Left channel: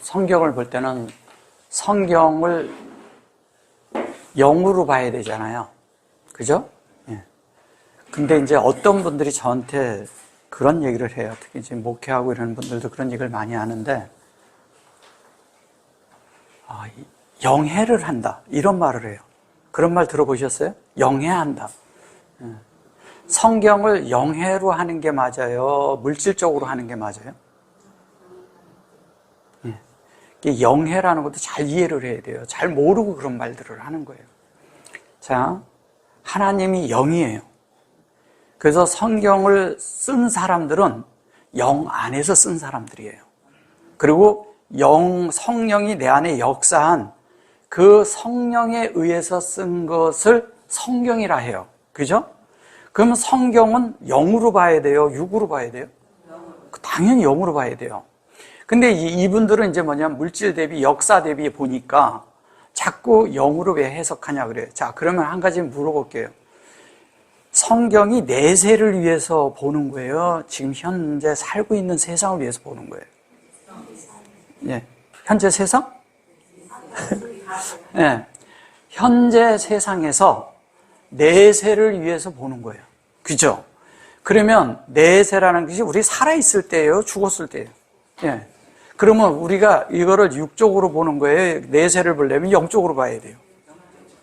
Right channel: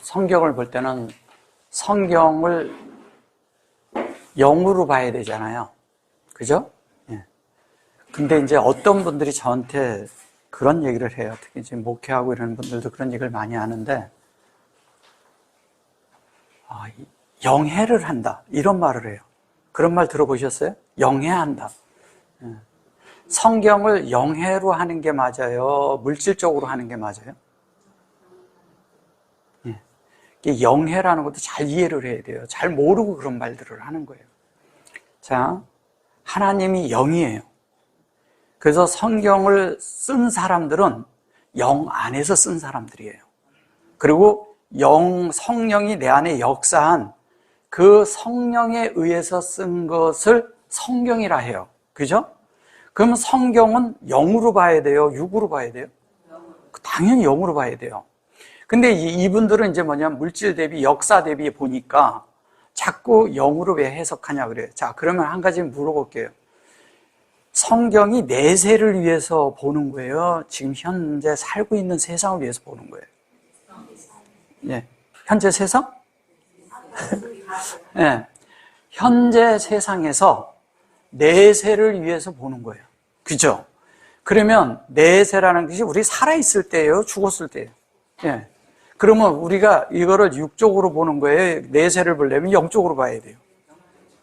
성경을 볼 때는 성경을 영으로 봐야 되잖아요. 그죠? 예. 근데 이제 어떤 분들이 저한테 그런 얘기를 해요. 특히 이제 목회하고 이런 분들도 그런 얘기를 많이 하는데, 영해를 한다. 이런 말을 해요. 그런 말 들어보셨어요? 영해한다. 예. 성경을 영해로 하는 게 맞아요? 물질적으로 하는 게 맞아요? 예. 영해라는 것도 잘 이해를 해야 돼요. 잘 모르고 그런 말들을 하는 거예요. 자, 하나님이 영이에요. 그래서 성경을 쓴 사람들은 영 안에서 쓴 사람들이에요. 그리고 성령이 내 안에 역사한 그 성령에 의해서 쓴 것을 성경이라 해요. 그죠? 그러면 성경은 영으로 봐야 돼요? 육으로 봐야 돼요? 당연히 영으로 봐야 돼요. 근데 이분들은 이제 뭐냐면 물질 대비, 역사 대비 보니까 자꾸 영으로 왜 해석하냐 그래요. 자, 그러면 한 가지 물어볼게요. 성경이 내세를 위해서 보는 거예요? 지금 현재 살고 있는 세상을 위해서 보는 거예요? 예. 현재 세상? 예. 현재 세상에서 내세를 위해서 보는 거예요. 그죠? 그러면 내세라는 것이 우리 살아있을 때예요? 죽었을 때예요? 예. 그러면 우리가 이거를 육적으로 보는 거예요? 내세를 보려면 영적으로 봐야 돼요?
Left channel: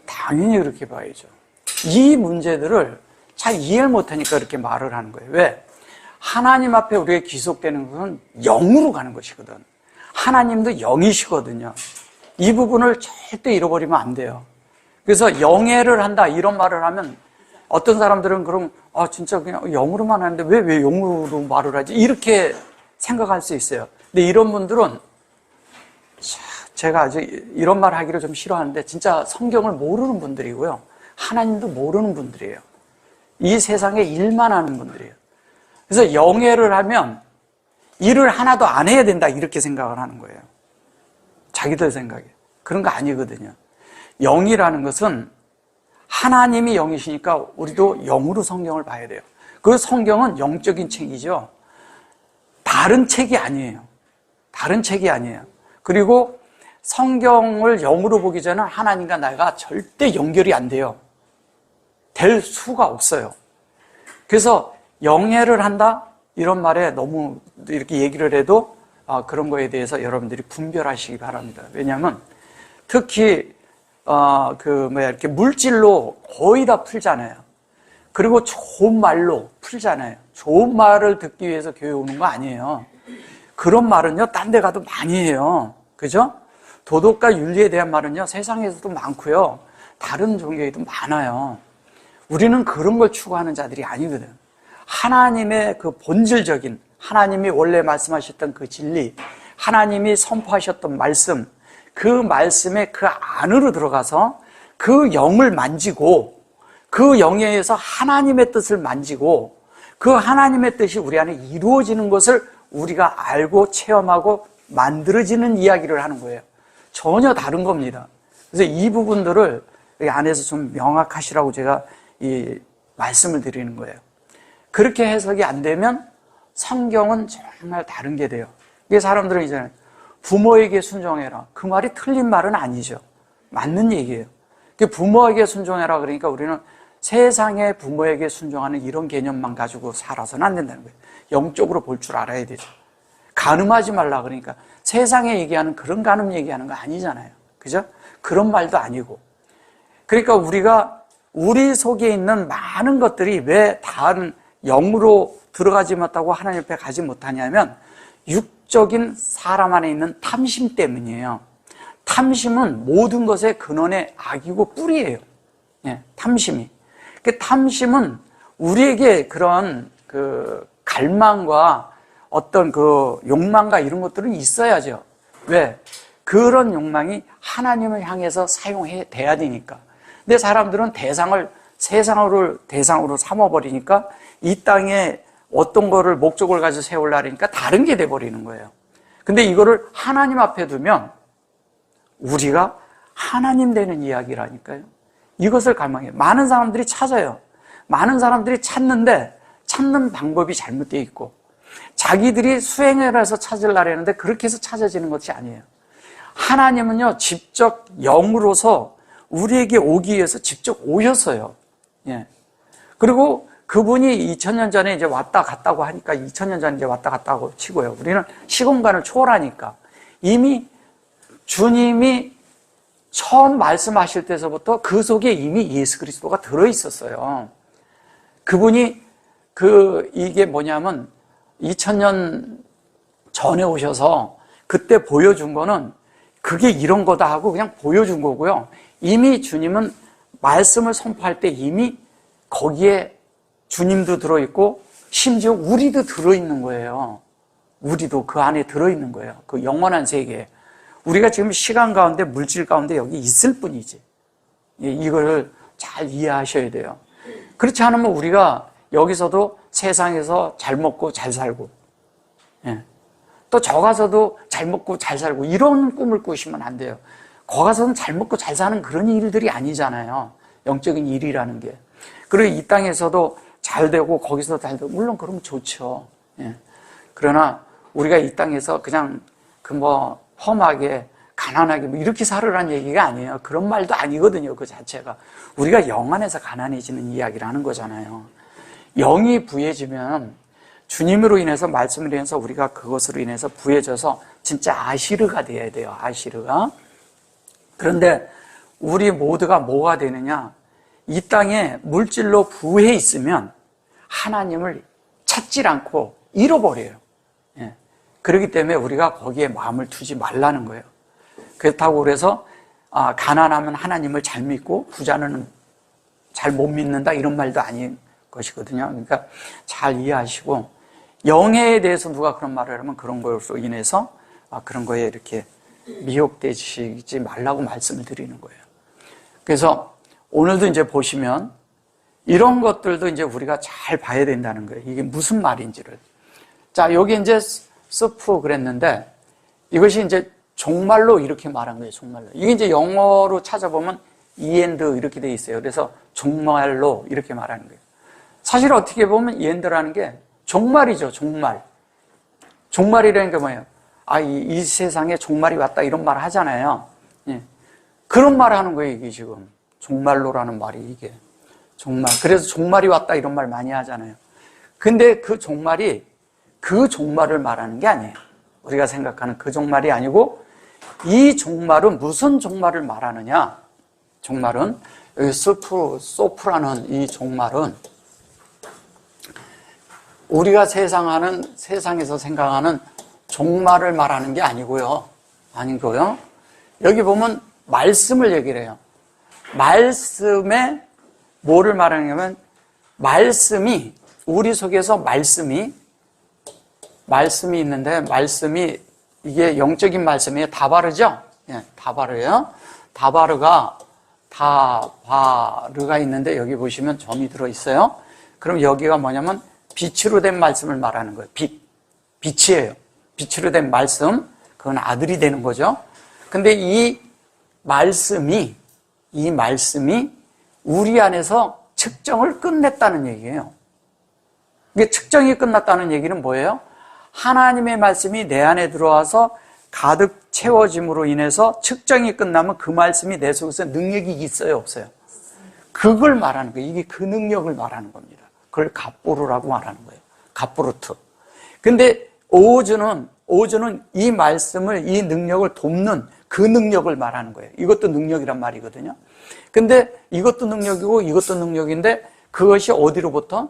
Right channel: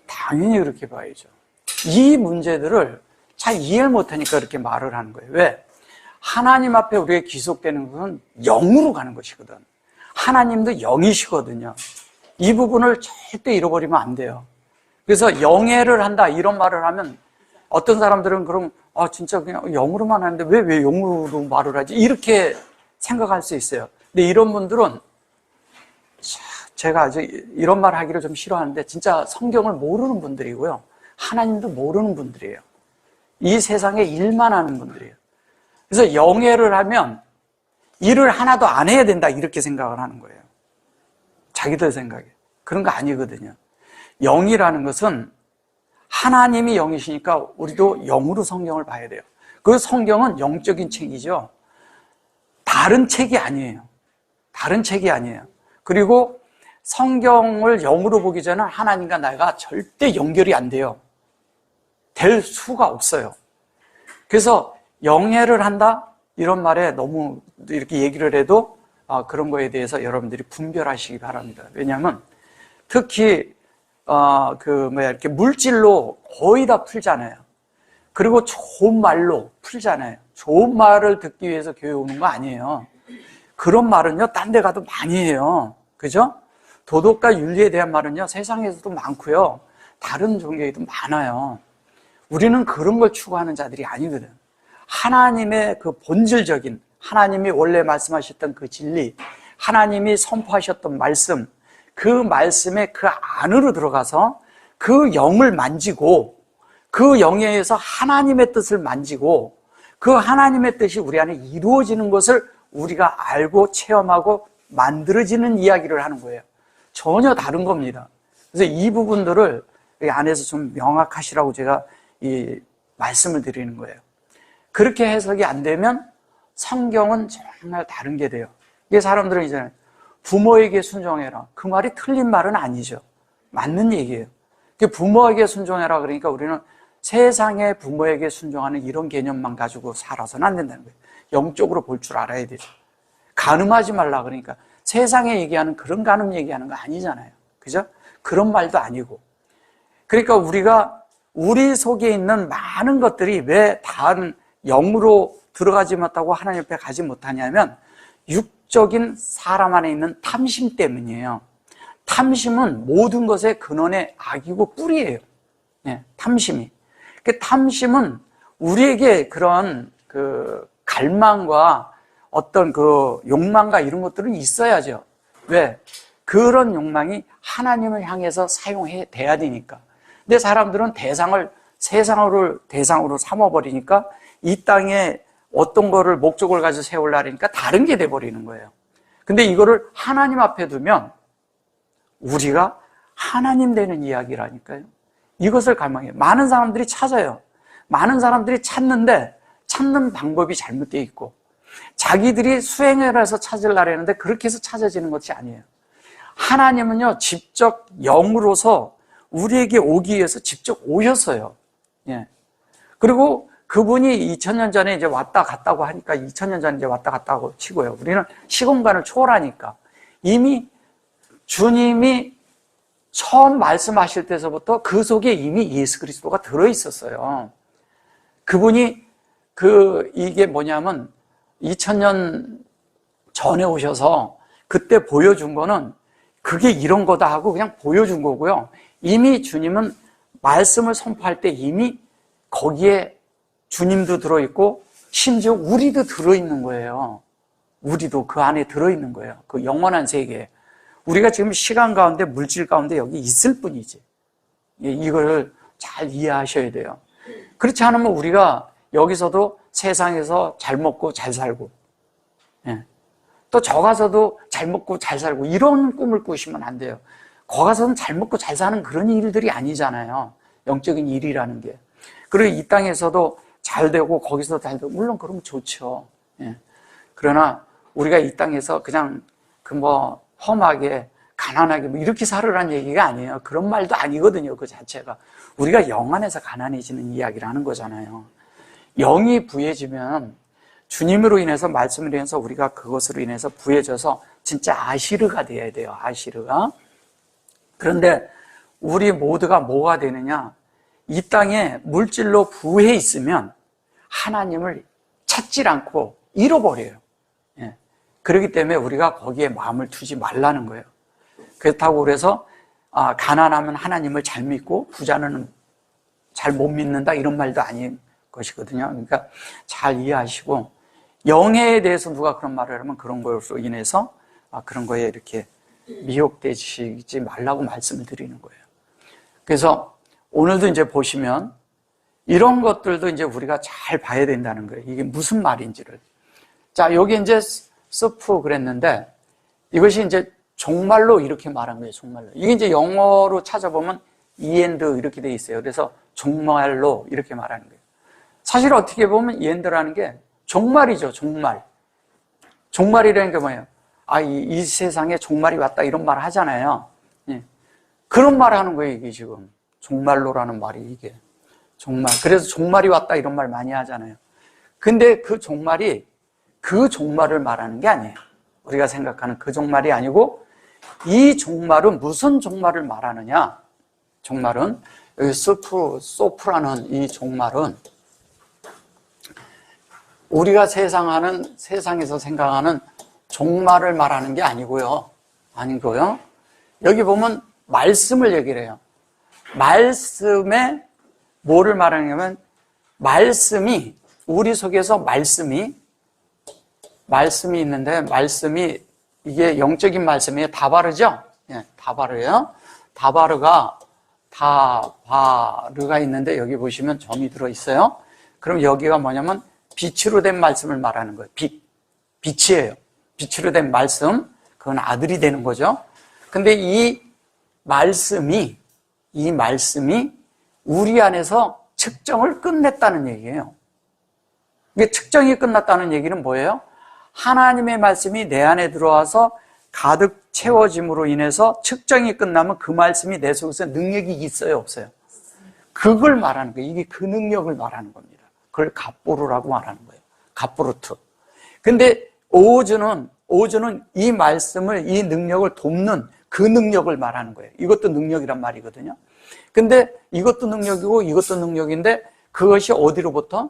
당연히 그렇게 봐야죠. 이 문제들을 잘 이해를 못하니까 그렇게 말을 하는 거예요. 왜? 하나님 앞에 우리가 귀속되는 것은 영으로 가는 것이거든. 하나님도 영이시거든요. 이 부분을 절대 잃어버리면 안 돼요. 그래서 영예를 한다 이런 말을 하면 어떤 사람들은 그럼 진짜 그냥 영으로만 하는데 왜 영으로 말을 하지? 이렇게 생각할 수 있어요. 근데 이런 분들은 제가 아주 이런 말 하기를 좀 싫어하는데 진짜 성경을 모르는 분들이고요. 하나님도 모르는 분들이에요. 이 세상에 일만 하는 분들이에요. 그래서 영예를 하면 일을 하나도 안 해야 된다 이렇게 생각을 하는 거예요. 자기들 생각에. 그런 거 아니거든요. 영이라는 것은 하나님이 영이시니까 우리도 영으로 성경을 봐야 돼요. 그 성경은 영적인 책이죠. 다른 책이 아니에요. 다른 책이 아니에요. 그리고 성경을 영으로 보기 전에 하나님과 나가 절대 연결이 안 돼요. 될 수가 없어요. 그래서 영예를 한다? 이런 말에 너무 이렇게 얘기를 해도 그런 거에 대해서 여러분들이 분별하시기 바랍니다. 왜냐하면 특히 이렇게 물질로 거의 다 풀잖아요. 그리고 좋은 말로 풀잖아요. 좋은 말을 듣기 위해서 교회 오는 거 아니에요. 그런 말은요, 딴 데 가도 많이 해요. 그죠? 도덕과 윤리에 대한 말은요, 세상에서도 많고요. 다른 종교에도 많아요. 우리는 그런 걸 추구하는 자들이 아니거든. 하나님의 그 본질적인, 하나님이 원래 말씀하셨던 그 진리, 하나님이 선포하셨던 말씀, 그 말씀의 그 안으로 들어가서 그 영을 만지고 그 영에 의해서 하나님의 뜻을 만지고 그 하나님의 뜻이 우리 안에 이루어지는 것을 우리가 알고 체험하고 만들어지는 이야기를 하는 거예요. 전혀 다른 겁니다. 그래서 이 부분들을 이 안에서 좀 명확하시라고 제가 이 말씀을 드리는 거예요. 그렇게 해석이 안 되면 성경은 정말 다른 게 돼요. 이게 사람들은 이제 부모에게 순종해라. 그 말이 틀린 말은 아니죠. 맞는 얘기예요. 부모에게 순종해라 그러니까 우리는 세상의 부모에게 순종하는 이런 개념만 가지고 살아서는 안 된다는 거예요. 영적으로 볼 줄 알아야 되죠. 간음하지 말라 그러니까 세상에 얘기하는 그런 간음 얘기하는 거 아니잖아요. 그죠? 그런 말도 아니고. 그러니까 우리가 우리 속에 있는 많은 것들이 왜 다른 영으로 들어가지 못하고 하나님 앞에 가지 못하냐면 육적인 사람 안에 있는 탐심 때문이에요. 탐심은 모든 것의 근원의 악이고 뿌리예요. 예, 탐심이. 그 탐심은 우리에게 그런 그 갈망과 어떤 그 욕망과 이런 것들은 있어야죠. 왜? 그런 욕망이 하나님을 향해서 사용해 돼야 되니까. 근데 사람들은 세상을 대상으로 삼아버리니까 이 땅에 어떤 거를 목적을 가지고 세우려니까 다른 게 돼버리는 거예요. 근데 이거를 하나님 앞에 두면 우리가 하나님 되는 이야기라니까요. 이것을 갈망해요. 많은 사람들이 찾아요. 많은 사람들이 찾는데 찾는 방법이 잘못되어 있고 자기들이 수행해서 찾으려고 했는데 그렇게 해서 찾아지는 것이 아니에요. 하나님은요, 직접 영으로서 우리에게 오기 위해서 직접 오셨어요. 예. 그리고 그분이 2000년 전에 이제 왔다 갔다고 하니까 2000년 전에 이제 왔다 갔다고 치고요. 우리는 시공간을 초월하니까 이미 주님이 처음 말씀하실 때서부터 그 속에 이미 예수 그리스도가 들어있었어요. 그분이 이게 뭐냐면 2000년 전에 오셔서 그때 보여준 거는 그게 이런 거다 하고 그냥 보여준 거고요. 이미 주님은 말씀을 선포할 때 이미 거기에 주님도 들어있고 심지어 우리도 들어있는 거예요. 우리도 그 안에 들어있는 거예요. 그 영원한 세계에. 우리가 지금 시간 가운데 물질 가운데 여기 있을 뿐이지. 이걸 잘 이해하셔야 돼요. 그렇지 않으면 우리가 여기서도 세상에서 잘 먹고 잘 살고 또 저 가서도 잘 먹고 잘 살고 이런 꿈을 꾸시면 안 돼요. 거 가서는 잘 먹고 잘 사는 그런 일들이 아니잖아요. 영적인 일이라는 게. 그리고 이 땅에서도 잘 되고 거기서도 잘 되고 물론 그러면 좋죠. 그러나 우리가 이 땅에서 그냥 험하게 가난하게 이렇게 살으라는 얘기가 아니에요. 그런 말도 아니거든요. 그 자체가. 우리가 영 안에서 가난해지는 이야기를 하는 거잖아요. 영이 부해지면 주님으로 인해서 말씀을 인해서 우리가 그것으로 인해서 부해져서 진짜 아시르가 돼야 돼요. 아시르가. 그런데 우리 모두가 뭐가 되느냐? 이 땅에 물질로 부해 있으면 하나님을 찾질 않고 잃어버려요. 그렇기 때문에 우리가 거기에 마음을 두지 말라는 거예요. 그렇다고 그래서 가난하면 하나님을 잘 믿고 부자는 잘 못 믿는다 이런 말도 아닌 것이거든요. 그러니까 잘 이해하시고 영에 대해서 누가 그런 말을 하면 그런 것으로 인해서 그런 거에 이렇게 미혹되시지 말라고 말씀을 드리는 거예요. 그래서 오늘도 이제 보시면 이런 것들도 이제 우리가 잘 봐야 된다는 거예요. 이게 무슨 말인지를. 자, 여기 이제 스프 그랬는데 이것이 이제 종말로 이렇게 말한 거예요. 종말로. 이게 이제 영어로 찾아보면 이엔드 이렇게 돼 있어요. 그래서 종말로 이렇게 말하는 거예요. 사실 어떻게 보면 이엔드라는 게 종말이죠. 종말. 종말이라는 게 뭐예요? 이 세상에 종말이 왔다 이런 말 하잖아요. 그런 말 하는 거예요. 이게 지금 종말로라는 말이 이게 종말. 그래서 종말이 왔다 이런 말 많이 하잖아요. 근데 그 종말이 그 종말을 말하는 게 아니에요. 우리가 생각하는 그 종말이 아니고 이 종말은 무슨 종말을 말하느냐? 종말은 여기 소프라는 이 종말은 우리가 세상에서 생각하는 종말을 말하는 게 아니고요. 여기 보면 말씀을 얘기를 해요. 말씀에 뭐를 말하냐면 말씀이 우리 속에서 말씀이 있는데 말씀이 이게 영적인 말씀이에요. 다바르죠? 다바르예요. 다바르가 있는데 여기 보시면 점이 들어있어요. 그럼 여기가 뭐냐면 빛으로 된 말씀을 말하는 거예요. 빛이에요. 빛으로 된 말씀. 그건 아들이 되는 거죠. 근데 이 말씀이 우리 안에서 측정을 끝냈다는 얘기예요. 이게 측정이 끝났다는 얘기는 뭐예요? 하나님의 말씀이 내 안에 들어와서 가득 채워짐으로 인해서 측정이 끝나면 그 말씀이 내 속에서 능력이 있어요, 없어요? 그걸 말하는 거예요. 이게 그 능력을 말하는 겁니다. 그걸 갑보르라고 말하는 거예요. 갑보르트. 근데 오즈는 이 말씀을, 이 능력을 돕는 그 능력을 말하는 거예요. 이것도 능력이란 말이거든요. 근데 이것도 능력이고 이것도 능력인데 그것이 어디로부터?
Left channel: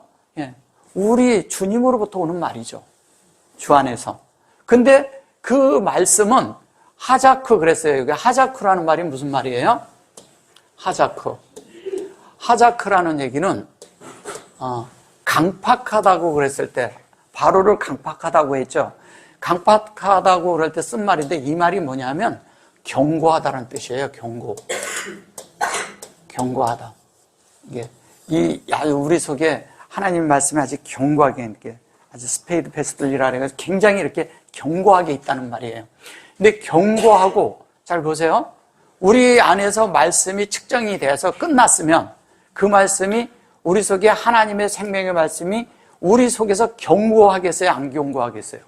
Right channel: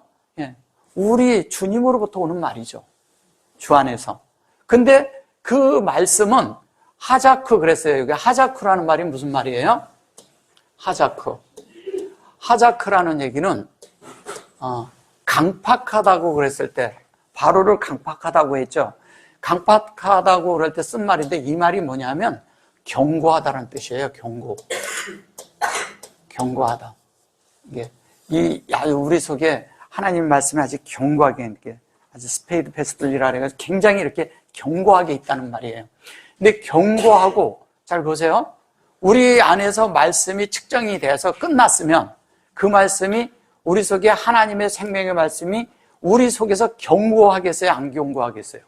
우리 주님으로부터 오는 말이죠. 주 안에서. 근데 그 말씀은 하자크 그랬어요. 여기 하자크라는 말이 무슨 말이에요? 하자크라는 얘기는 강팍하다고 그랬을 때 바로를 강팍하다고 했죠. 강팍하다고 그럴 때 쓴 말인데 이 말이 뭐냐면 견고하다는 뜻이에요. 견고하다. 이게 우리 속에 하나님 말씀이 아주 견고하게 이렇게 아주 스페이드 패스들이라 해서 굉장히 이렇게 견고하게 있다는 말이에요. 근데 견고하고 잘 보세요. 우리 안에서 말씀이 측정이 돼서 끝났으면 그 말씀이 우리 속에 하나님의 생명의 말씀이 우리 속에서 견고하겠어요? 안 견고하겠어요?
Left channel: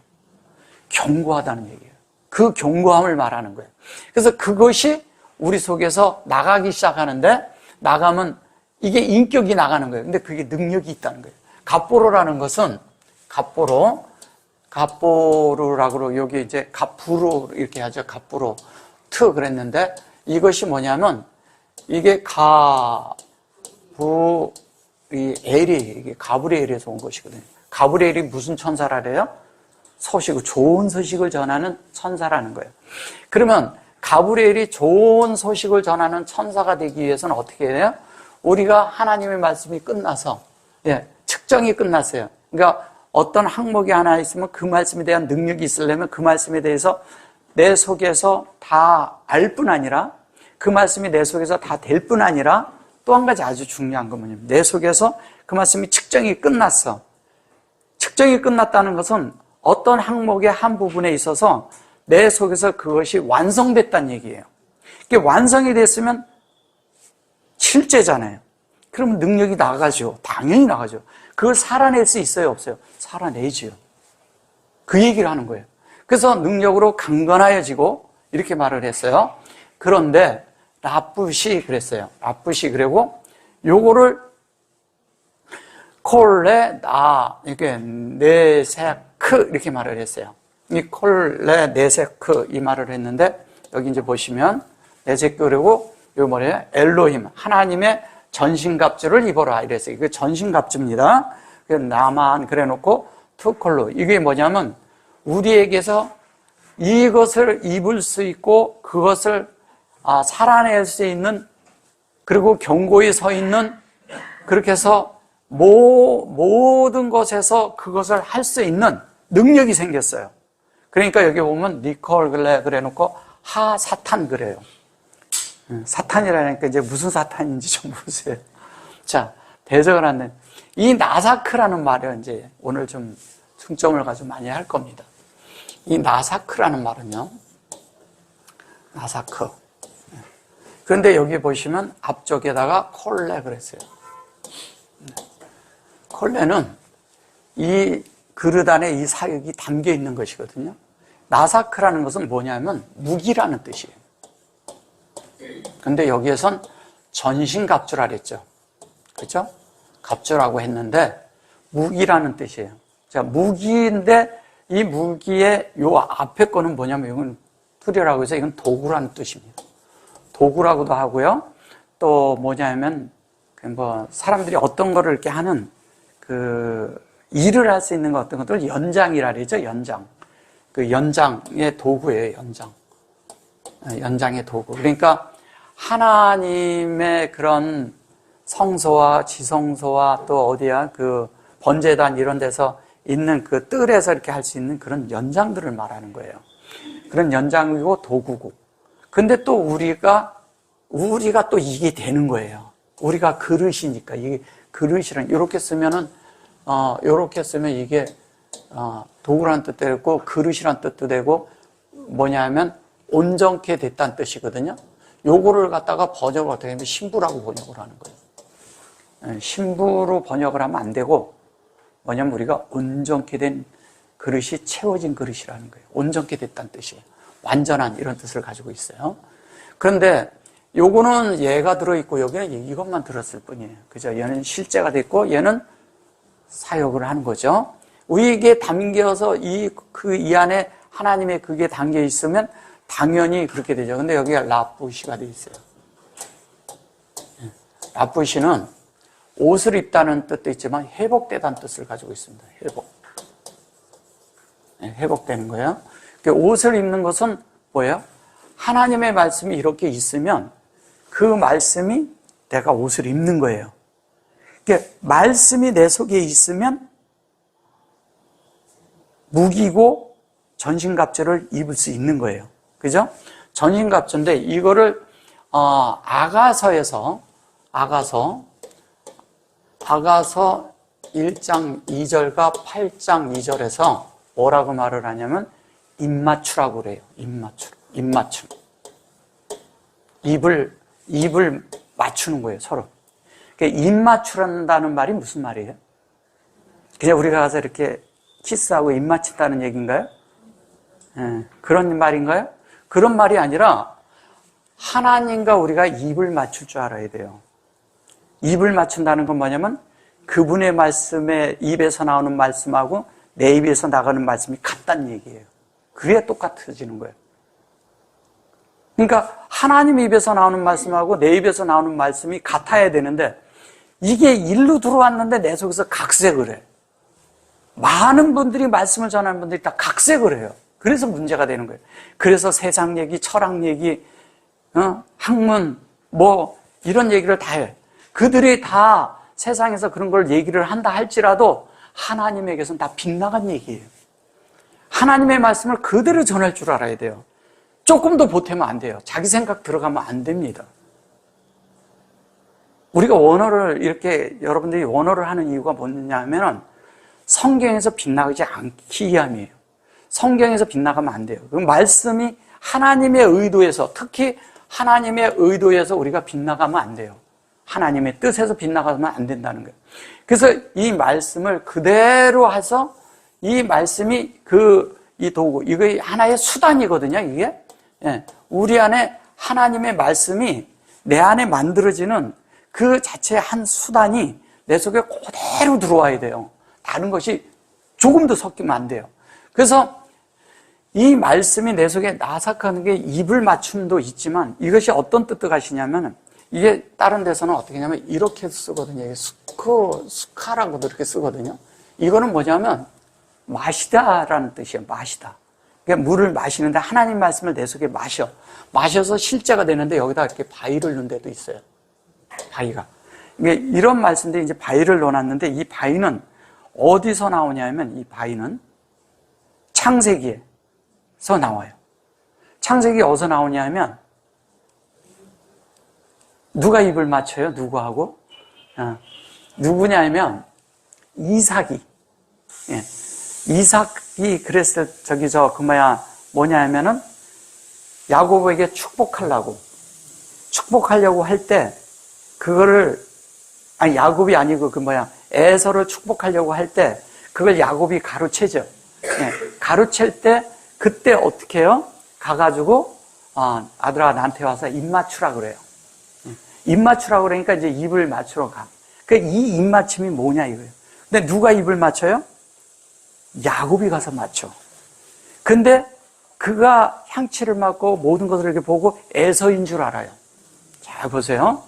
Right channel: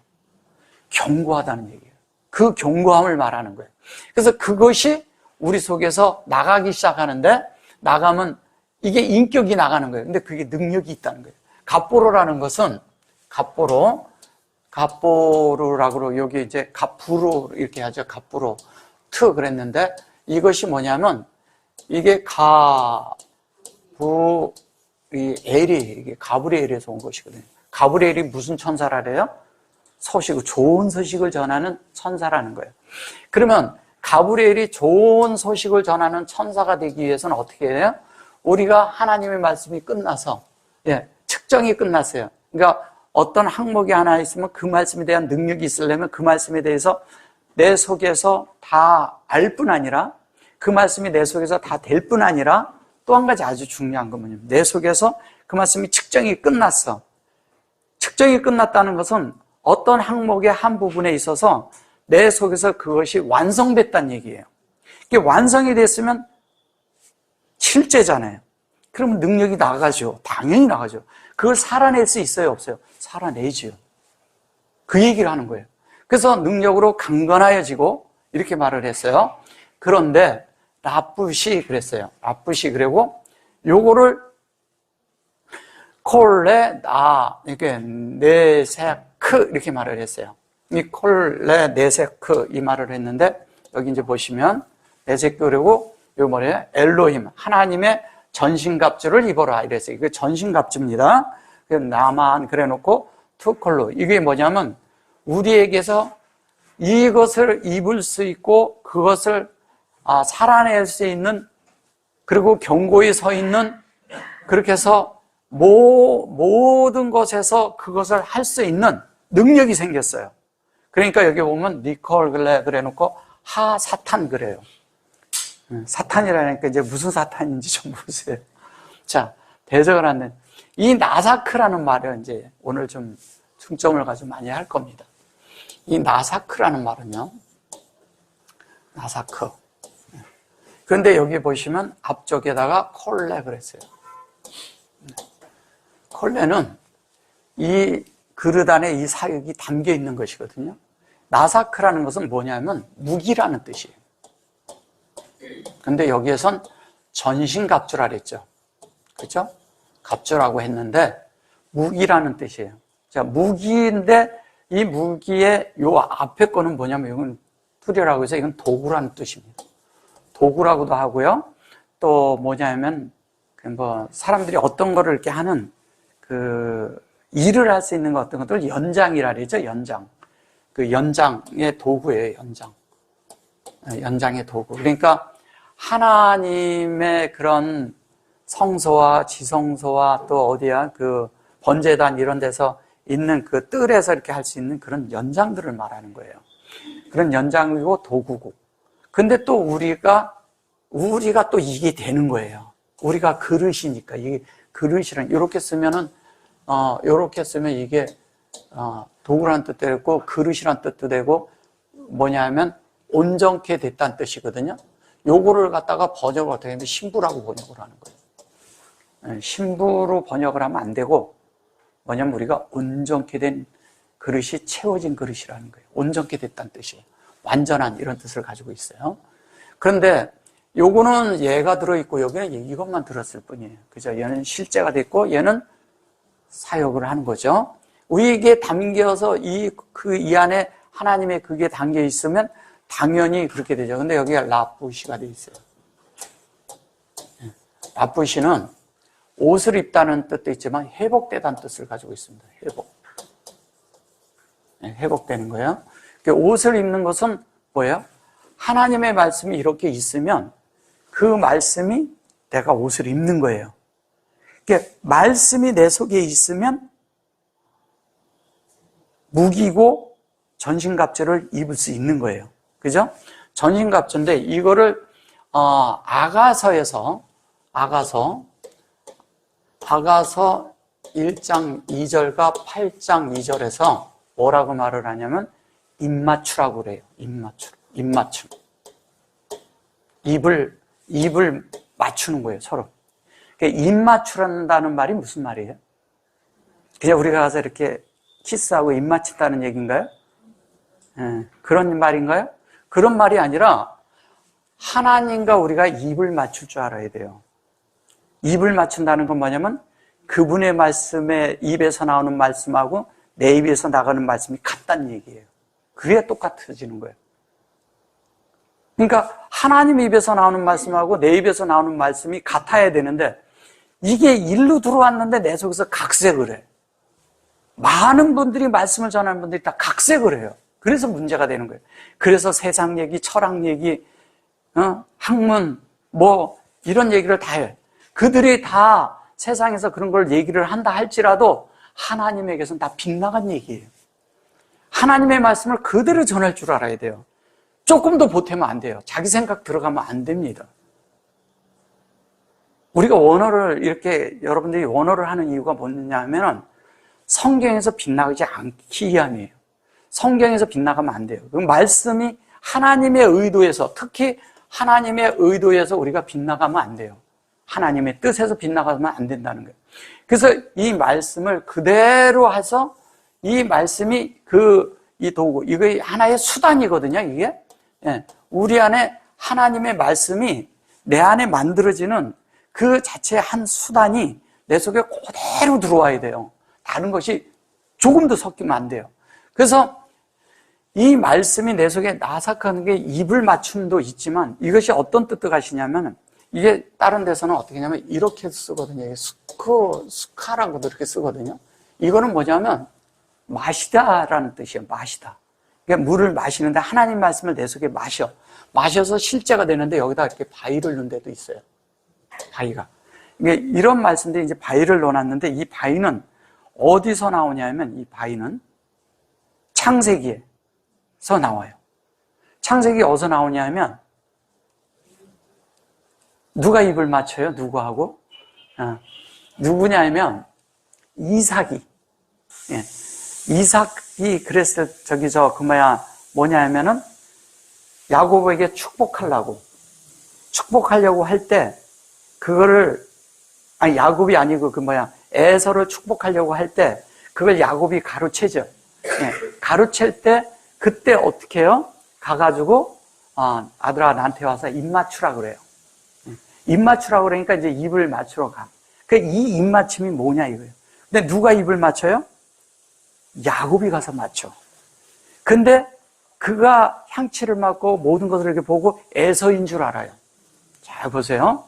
견고하다는 얘기예요. 그 견고함을 말하는 거예요. 그래서 그것이 우리 속에서 나가기 시작하는데, 나가면 이게 인격이 나가는 거예요. 근데 그게 능력이 있다는 거예요. 갑보로라는 것은, 갑보로라고 여기 이제 갑부로 이렇게 하죠. 갑부로 트 그랬는데, 이것이 뭐냐면 이게 이게 가브리엘에서 온 것이거든요. 가브리엘이 무슨 천사라래요? 좋은 소식을 전하는 천사라는 거예요. 그러면 가브리엘이 좋은 소식을 전하는 천사가 되기 위해서는 어떻게 해요? 우리가 하나님의 말씀이 끝나서, 측정이 끝났어요. 그러니까 어떤 항목이 하나 있으면 그 말씀에 대한 능력이 있으려면 그 말씀에 대해서 내 속에서 다 알 뿐 아니라, 그 말씀이 내 속에서 다 될 뿐 아니라, 또 한 가지 아주 중요한 건 뭐냐면, 내 속에서 그 말씀이 측정이 끝났어. 측정이 끝났다는 것은 어떤 항목의 한 부분에 있어서 내 속에서 그것이 완성됐다는 얘기예요. 이게 완성이 됐으면 실제잖아요. 그러면 능력이 나가죠. 당연히 나가죠. 그걸 살아낼 수 있어요, 없어요? 살아내죠. 그 얘기를 하는 거예요. 그래서 능력으로 강건하여지고 이렇게 말을 했어요. 그런데 라쁘시 그랬어요. 라쁘시 그리고 요거를 콜레 나 이렇게 네세크 이렇게 말을 했어요. 이 콜레 네세크 이 말을 했는데, 여기 이제 보시면 네세크 그리고 요 뭐예요? 엘로힘 하나님의 전신갑주를 입어라 이랬어요. 이게 전신갑주입니다. 나만 그래놓고 투콜로, 이게 뭐냐면 우리에게서 이것을 입을 수 있고 그것을 살아낼 수 있는, 그리고 견고히 서 있는, 그렇게 해서 모든 것에서 그것을 할 수 있는 능력이 생겼어요. 그러니까 여기 보면 니콜 그래 놓고 하 사탄 그래요. 사탄이라니까 이제 무슨 사탄인지 좀 보세요. 자, 대적을 하는 이 나사크라는 말을 이제 오늘 좀 중점을 가지고 많이 할 겁니다. 이 나사크라는 말은요, 나사크. 그런데 여기 보시면 앞쪽에다가 콜레 그랬어요. 콜레는 이 그릇 안에 이 사역이 담겨 있는 것이거든요. 나사크라는 것은 뭐냐면 무기라는 뜻이에요. 근데 여기에선 전신갑주라 그랬죠. 그렇죠? 갑주라고 했는데 무기라는 뜻이에요. 자, 무기인데 이 무기의 요 앞에 거는 뭐냐면 이건 투려라고 해서 이건 도구라는 뜻입니다. 도구라고도 하고요. 또 뭐냐면 사람들이 어떤 거를 이렇게 하는 그 일을 할 수 있는 거 어떤 것들 연장이라 그러죠. 연장. 그 연장의 도구예요. 연장의 도구. 그러니까 하나님의 그런 성소와 지성소와 또 어디야 그 번제단 이런 데서 있는 그 뜰에서 이렇게 할 수 있는 그런 연장들을 말하는 거예요. 그런 연장이고 도구고. 근데 또 우리가 또 이게 되는 거예요. 우리가 그릇이니까 이게 그릇이란 이렇게 쓰면은 이렇게 쓰면 이게 도구라는 뜻도 되고 그릇이란 뜻도 되고 뭐냐면 온전케 됐다는 뜻이거든요. 요거를 갖다가 번역을 어떻게 하면 신부라고 번역을 하는 거예요. 신부로 번역을 하면 안 되고 뭐냐면 우리가 온전케 된 그릇이 채워진 그릇이라는 거예요. 온전케 됐다는 뜻이에요. 완전한 이런 뜻을 가지고 있어요. 그런데 요거는 얘가 들어있고 여기는 이것만 들었을 뿐이에요. 그죠? 얘는 실제가 됐고 얘는 사역을 하는 거죠. 우리에게 담겨서 이 안에 하나님의 그게 담겨 있으면 당연히 그렇게 되죠. 근데 여기가 라쁘시가 되어 있어요. 라쁘시는 옷을 입다는 뜻도 있지만 회복되다는 뜻을 가지고 있습니다. 회복되는 거예요. 옷을 입는 것은 뭐예요? 하나님의 말씀이 이렇게 있으면 그 말씀이 내가 옷을 입는 거예요. 그러니까 말씀이 내 속에 있으면 무기고 전신갑주를 입을 수 있는 거예요. 그죠? 전신갑주인데 이거를 아가서 1장 2절과 8장 2절에서 뭐라고 말을 하냐면 입맞추라고 그래요. 입맞춤. 입을 맞추는 거예요, 서로. 입맞추란다는 말이 무슨 말이에요? 그냥 우리가 가서 이렇게 키스하고 입 맞춘다는 얘기인가요? 그런 말인가요? 그런 말이 아니라 하나님과 우리가 입을 맞출 줄 알아야 돼요. 입을 맞춘다는 건 뭐냐면 그분의 말씀에 입에서 나오는 말씀하고 내 입에서 나가는 말씀이 같다는 얘기예요. 그게 똑같아지는 거예요. 그러니까 하나님 입에서 나오는 말씀하고 내 입에서 나오는 말씀이 같아야 되는데 이게 일로 들어왔는데 내 속에서 각색을 해. 많은 분들이 말씀을 전하는 분들이 다 각색을 해요. 그래서 문제가 되는 거예요. 그래서 세상 얘기, 철학 얘기, 학문, 뭐 이런 얘기를 다 해요. 그들이 다 세상에서 그런 걸 얘기를 한다 할지라도 하나님에게서는 다 빗나간 얘기예요. 하나님의 말씀을 그대로 전할 줄 알아야 돼요. 조금 더 보태면 안 돼요. 자기 생각 들어가면 안 됩니다. 우리가 원어를 이렇게 여러분들이 원어를 하는 이유가 뭐냐 하면은 성경에서 빗나가지 않기 위함이에요. 성경에서 빗나가면 안 돼요. 그 말씀이 하나님의 의도에서, 특히 하나님의 의도에서 우리가 빗나가면 안 돼요. 하나님의 뜻에서 빗나가면 안 된다는 거예요. 그래서 이 말씀을 그대로 해서 이 말씀이 이 도구, 이거 하나의 수단이거든요, 이게. 우리 안에 하나님의 말씀이 내 안에 만들어지는 그 자체의 한 수단이 내 속에 그대로 들어와야 돼요. 다른 것이 조금도 섞이면 안 돼요. 그래서 이 말씀이 내 속에 나삭하는 게 입을 맞춤도 있지만 이것이 어떤 뜻도 가시냐면 이게 다른 데서는 어떻게 하냐면 이렇게 쓰거든요. 스카라고도 이렇게 쓰거든요. 이거는 뭐냐면 마시다라는 뜻이에요. 마시다. 그러니까 물을 마시는데 하나님 말씀을 내 속에 마셔서 실제가 되는데 여기다 이렇게 바위를 넣은 데도 있어요. 바위가. 이런 말씀인데 이제 바위를 넣어놨는데 이 바위는 어디서 나오냐면 이 바위는 창세기에서 나와요. 창세기 어디서 나오냐면 누가 입을 맞춰요? 누구하고? 누구냐면 이삭이. 이삭이 그랬을 뭐냐면은 야곱에게 축복하려고 할 때 그거를 야곱이 아니고 에서를 축복하려고 할 때 그걸 야곱이 가로채죠. 가로챌 때 그때 어떻게 해요? 가가지고 아들아 나한테 와서 입 맞추라 그래요. 입 맞추라 그러니까 이제 입을 맞추러 가. 그러니까 이 입 맞춤이 뭐냐 이거예요. 근데 누가 입을 맞춰요? 야곱이 가서 맞춰. 근데 그가 향취를 맡고 모든 것을 이렇게 보고 에서인 줄 알아요. 잘 보세요.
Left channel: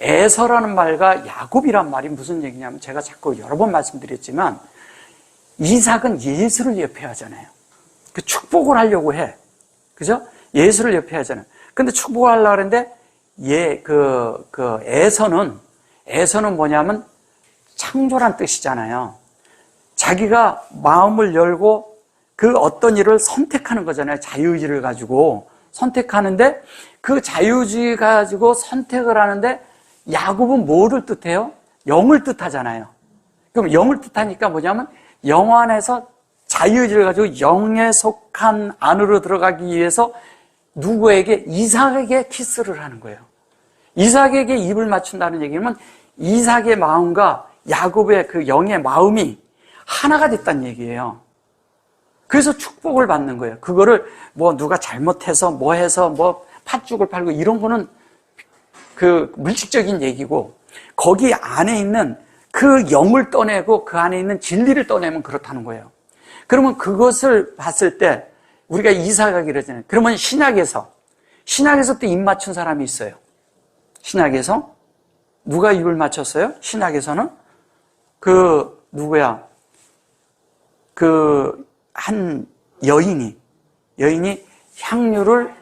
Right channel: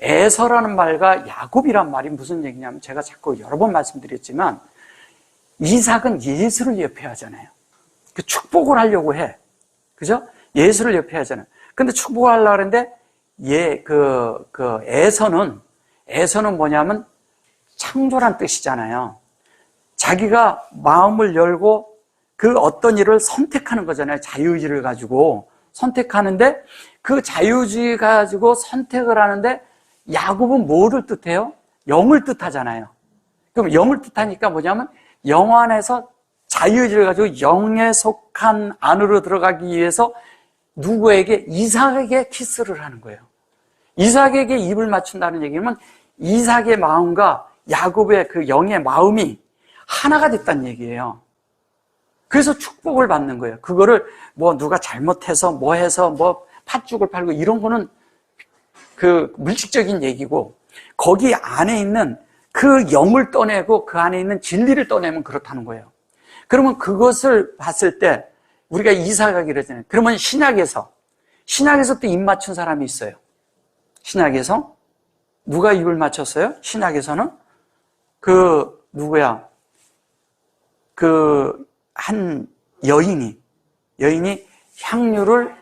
에서라는 말과 야곱이란 말이 무슨 얘기냐면 제가 자꾸 여러 번 말씀드렸지만 이삭은 예수를 예표하잖아요. 축복을 하려고 해. 그죠? 예수를 예표하잖아요. 근데 축복을 하려고 하는데 에서는 뭐냐면 창조란 뜻이잖아요. 자기가 마음을 열고 그 어떤 일을 선택하는 거잖아요. 자유의지를 가지고 선택하는데 그 자유의지 가지고 선택을 하는데 야곱은 뭐를 뜻해요? 영을 뜻하잖아요. 그럼 영을 뜻하니까 뭐냐면 영 안에서 자유의지를 가지고 영에 속한 안으로 들어가기 위해서 누구에게? 이삭에게 키스를 하는 거예요. 이삭에게 입을 맞춘다는 얘기는 이삭의 마음과 야곱의 그 영의 마음이 하나가 됐다는 얘기예요. 그래서 축복을 받는 거예요. 그거를 누가 잘못해서 해서 팥죽을 팔고 이런 거는 그 물질적인 얘기고 거기 안에 있는 그 영을 떠내고 그 안에 있는 진리를 떠내면 그렇다는 거예요. 그러면 그것을 봤을 때 우리가 이삭하기로 했잖아요. 그러면 신약에서 또 입 맞춘 사람이 있어요. 신약에서 누가 입을 맞췄어요? 신약에서는 누구야? 한 여인이 향유를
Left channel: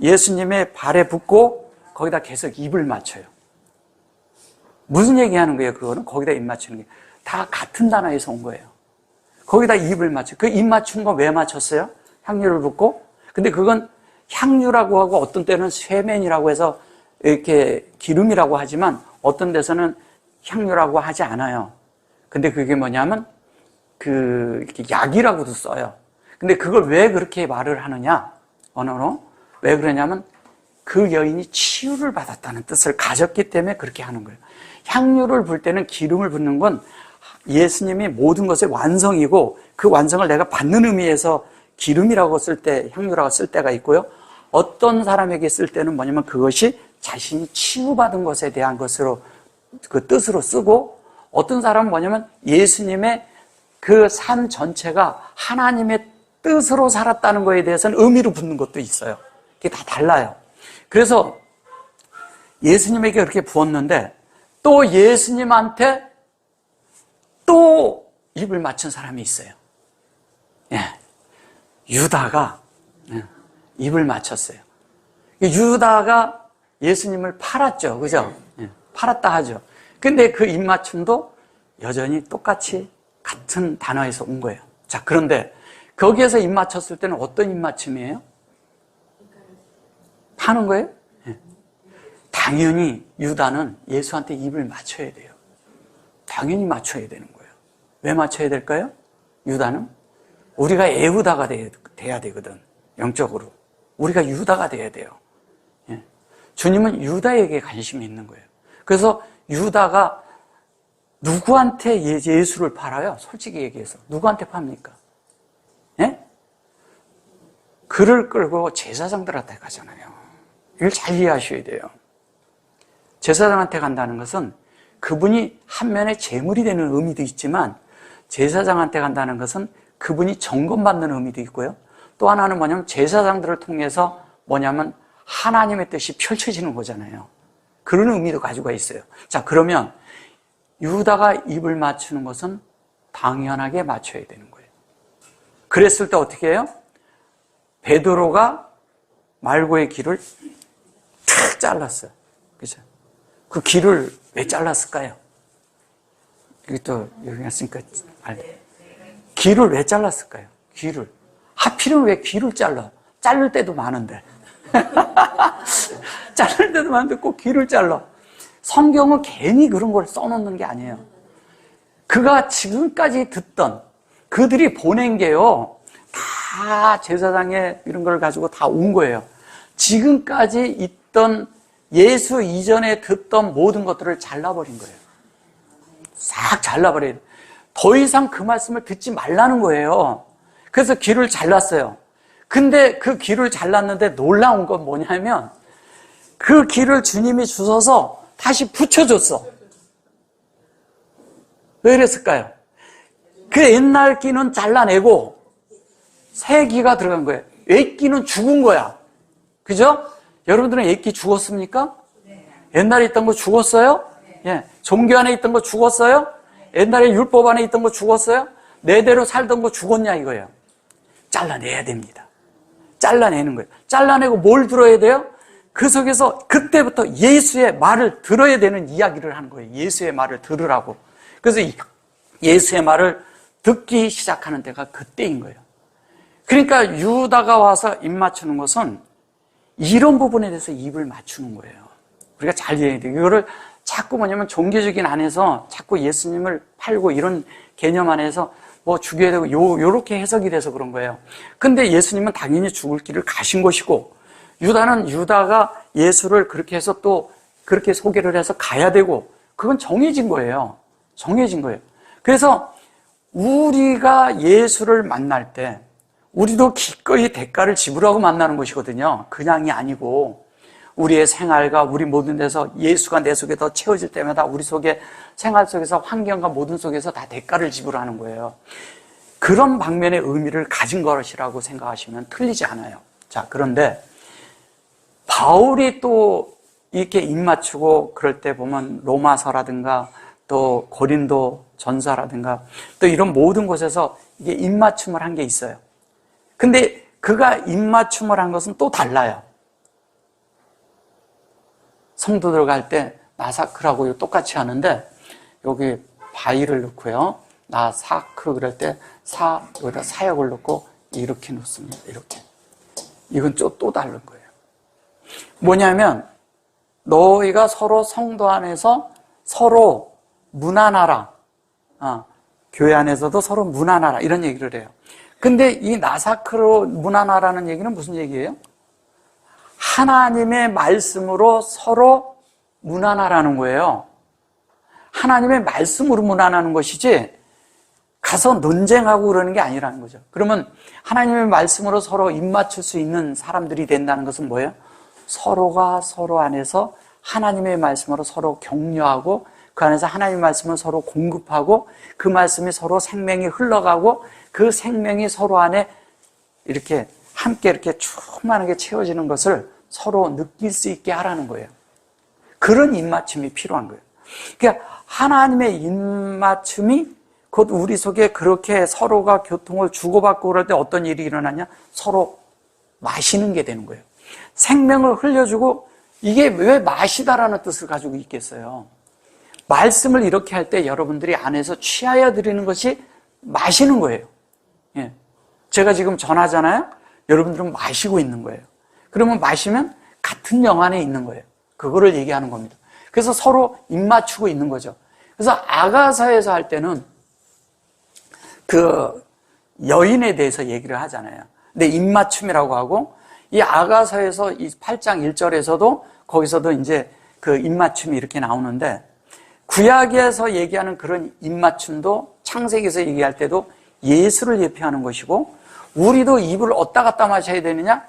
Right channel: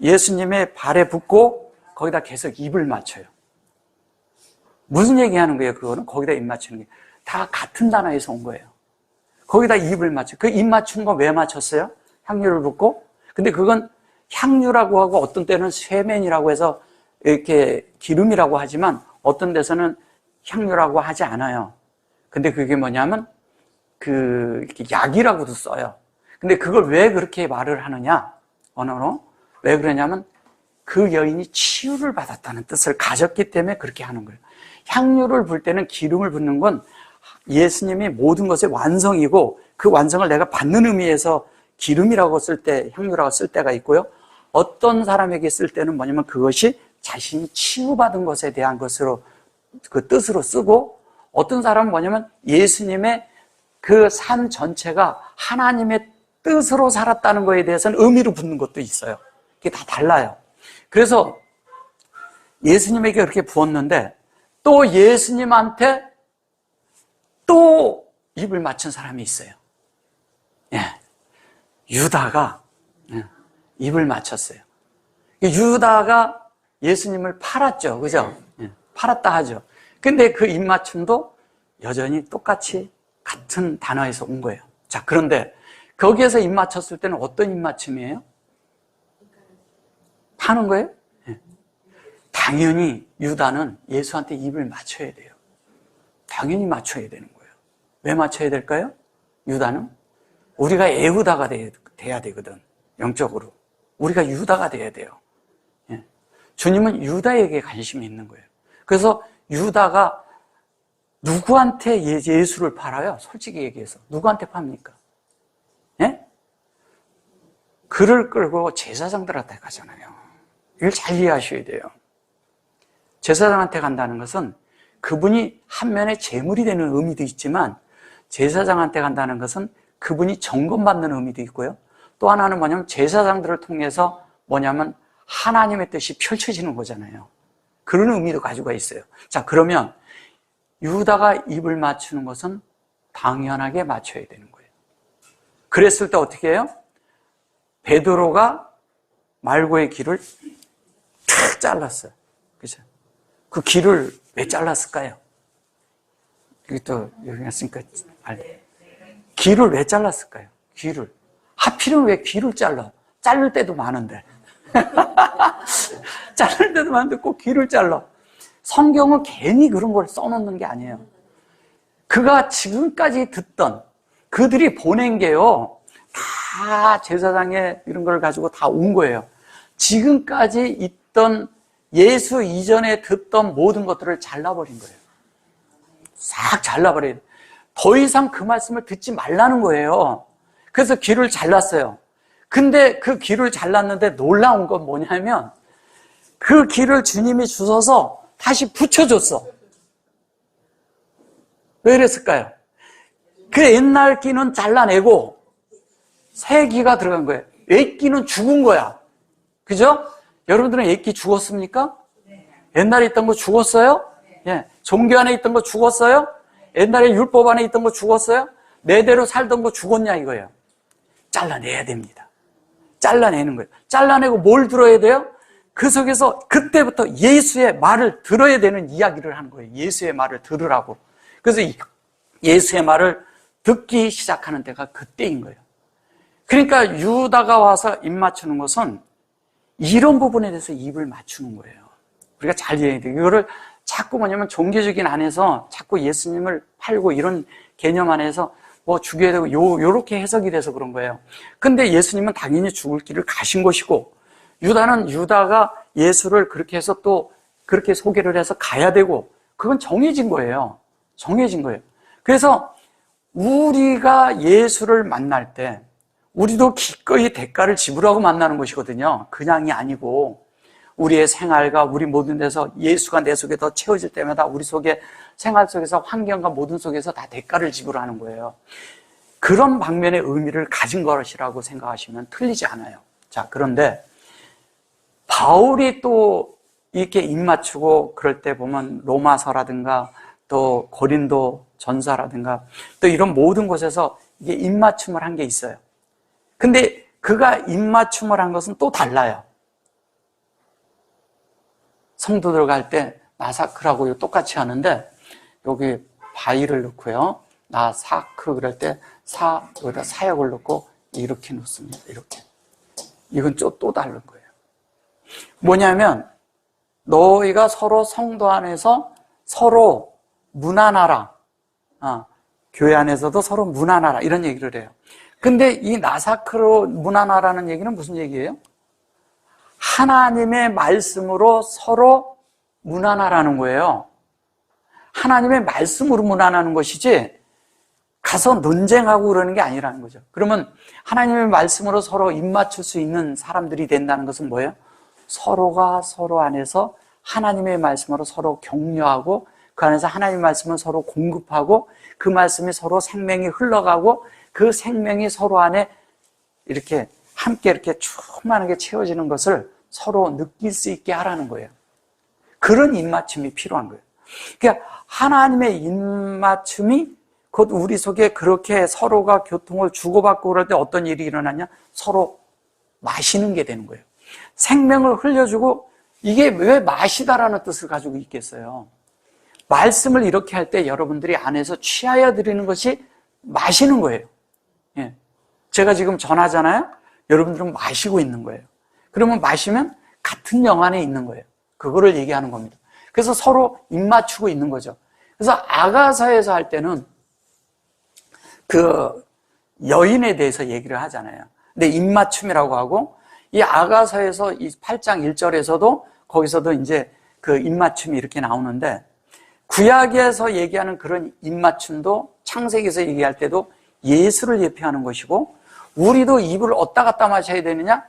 예수님의 발에 붓고 거기다 계속 입을 맞춰요. 무슨 얘기하는 거예요? 그거는 거기다 입 맞추는 게 다 같은 단어에서 온 거예요. 거기다 입을 맞춰. 그 입 맞춘 거 왜 맞췄어요? 향유를 붓고. 근데 그건 향유라고 하고 어떤 때는 쇠면이라고 해서 이렇게 기름이라고 하지만 어떤 데서는 향유라고 하지 않아요. 근데 그게 뭐냐면 이렇게 약이라고도 써요. 근데 그걸 왜 그렇게 말을 하느냐? 언어로. 왜 그러냐면 그 여인이 치유를 받았다는 뜻을 가졌기 때문에 그렇게 하는 거예요. 향유를 불 때는 기름을 붓는 건 예수님이 모든 것의 완성이고 그 완성을 내가 받는 의미에서 기름이라고 쓸 때, 향유라고 쓸 때가 있고요. 어떤 사람에게 쓸 때는 뭐냐면 그것이 자신이 치유받은 것에 대한 것으로 그 뜻으로 쓰고, 어떤 사람은 뭐냐면 예수님의 그 삶 전체가 하나님의 뜻으로 살았다는 것에 대해서는 의미로 붙는 것도 있어요. 이게 다 달라요. 그래서 예수님에게 그렇게 부었는데 또 예수님한테 또 입을 맞춘 사람이 있어요. 예. 유다가 입을 맞췄어요. 유다가 예수님을 팔았죠. 그죠? 예. 팔았다 하죠. 근데 그 입맞춤도 여전히 똑같이 같은 단어에서 온 거예요. 자, 그런데 거기에서 입맞췄을 때는 어떤 입맞춤이에요? 파는 거예요? 예. 당연히 유다는 예수한테 입을 맞춰야 돼요. 당연히 맞춰야 되는 거예요. 왜 맞춰야 될까요? 유다는 우리가 에후다가 돼야 되거든. 영적으로. 우리가 유다가 돼야 돼요. 예. 주님은 유다에게 관심이 있는 거예요. 그래서 유다가 누구한테 예수를 팔아요? 솔직히 얘기해서. 누구한테 팝니까? 예? 그를 끌고 제사장들한테 가잖아요. 이걸 잘 이해하셔야 돼요. 제사장한테 간다는 것은 그분이 한면에 제물이 되는 의미도 있지만, 제사장한테 간다는 것은 그분이 점검받는 의미도 있고요. 또 하나는 뭐냐면 제사장들을 통해서 뭐냐면 하나님의 뜻이 펼쳐지는 거잖아요. 그런 의미도 가지고 있어요. 자, 그러면 유다가 입을 맞추는 것은 당연하게 맞춰야 되는 거예요. 그랬을 때 어떻게 해요? 베드로가 말고의 길을 탁 잘랐어요. 그죠? 그 길을 왜 잘랐을까요? 이것도 여기 갔으니까 알래. 길을 왜 잘랐을까요? 길을. 하필이면 왜 길을 잘라? 자를 때도 많은데. 자를 때도 많은데 꼭 길을 잘라. 성경은 괜히 그런 걸 써놓는 게 아니에요. 그가 지금까지 듣던, 그들이 보낸 게요, 다 제사장의 이런 걸 가지고 다 온 거예요. 지금까지 있던 예수 이전에 듣던 모든 것들을 잘라버린 거예요. 싹 잘라버려요. 더 이상 그 말씀을 듣지 말라는 거예요. 그래서 길을 잘랐어요. 근데 그 길을 잘랐는데 놀라운 건 뭐냐면 그 길을 주님이 주셔서 다시 붙여줬어. 왜 그랬을까요? 그 옛날 끼는 잘라내고 새 끼가 들어간 거예요. 옛 끼는 죽은 거야. 그죠? 여러분들은 옛 끼 죽었습니까? 옛날에 있던 거 죽었어요? 예. 종교 안에 있던 거 죽었어요? 옛날에 율법 안에 있던 거 죽었어요? 내대로 살던 거 죽었냐 이거예요. 잘라내야 됩니다. 잘라내는 거예요. 잘라내고 뭘 들어야 돼요? 그 속에서 그때부터 예수의 말을 들어야 되는 이야기를 하는 거예요. 예수의 말을 들으라고. 그래서 예수의 말을 듣기 시작하는 때가 그때인 거예요. 그러니까 유다가 와서 입 맞추는 것은 이런 부분에 대해서 입을 맞추는 거예요. 우리가 잘 이해해야 돼요. 이거를 자꾸 뭐냐면 종교적인 안에서 자꾸 예수님을 팔고 이런 개념 안에서 뭐 죽여야 되고 요렇게 해석이 돼서 그런 거예요. 근데 예수님은 당연히 죽을 길을 가신 것이고, 유다가 예수를 그렇게 해서 또 그렇게 소개를 해서 가야 되고, 그건 정해진 거예요. 정해진 거예요. 그래서 우리가 예수를 만날 때 우리도 기꺼이 대가를 지불하고 만나는 것이거든요. 그냥이 아니고 우리의 생활과 우리 모든 데서 예수가 내 속에 더 채워질 때마다 우리 속에 생활 속에서 환경과 모든 속에서 다 대가를 지불하는 거예요. 그런 방면의 의미를 가진 것이라고 생각하시면 틀리지 않아요. 자, 그런데 바울이 또 이렇게 입맞추고 그럴 때 보면 로마서라든가 또 고린도 전서라든가 또 이런 모든 곳에서 이게 입맞춤을 한 게 있어요. 근데 그가 입맞춤을 한 것은 또 달라요. 성도들 갈 때 나사크라고 똑같이 하는데 여기 바위를 넣고요. 나사크 그럴 때 여기다 사역을 넣고 이렇게 놓습니다. 이렇게. 이건 또 다른 거예요. 뭐냐면 너희가 서로 성도 안에서 서로 무난하라. 교회 안에서도 서로 무난하라. 이런 얘기를 해요. 근데 이 나사크로 무난하라는 얘기는 무슨 얘기예요? 하나님의 말씀으로 서로 무난하라는 거예요. 하나님의 말씀으로 문안하는 것이지 가서 논쟁하고 그러는 게 아니라는 거죠. 그러면 하나님의 말씀으로 서로 입맞출 수 있는 사람들이 된다는 것은 뭐예요? 서로가 서로 안에서 하나님의 말씀으로 서로 격려하고 그 안에서 하나님의 말씀을 서로 공급하고 그 말씀이 서로 생명이 흘러가고 그 생명이 서로 안에 이렇게 함께 이렇게 충만하게 채워지는 것을 서로 느낄 수 있게 하라는 거예요. 그런 입맞춤이 필요한 거예요. 그러니까 하나님의 입맞춤이 곧 우리 속에 그렇게 서로가 교통을 주고받고 그럴 때 어떤 일이 일어나냐? 서로 마시는 게 되는 거예요. 생명을 흘려주고 이게 왜 마시다라는 뜻을 가지고 있겠어요? 말씀을 이렇게 할 때 여러분들이 안에서 취하여 드리는 것이 마시는 거예요. 예. 제가 지금 전하잖아요. 여러분들은 마시고 있는 거예요. 그러면 마시면 같은 영 안에 있는 거예요. 그거를 얘기하는 겁니다. 그래서 서로 입맞추고 있는 거죠. 그래서 아가서에서 할 때는 그 여인에 대해서 얘기를 하잖아요. 근데 입맞춤이라고 하고 이 아가서에서 이 8장 1절에서도 거기서도 이제 그 입맞춤이 이렇게 나오는데 구약에서 얘기하는 그런 입맞춤도 창세기에서 얘기할 때도 예수를 예표하는 것이고 우리도 입을 어디다 갖다 마셔야 되느냐?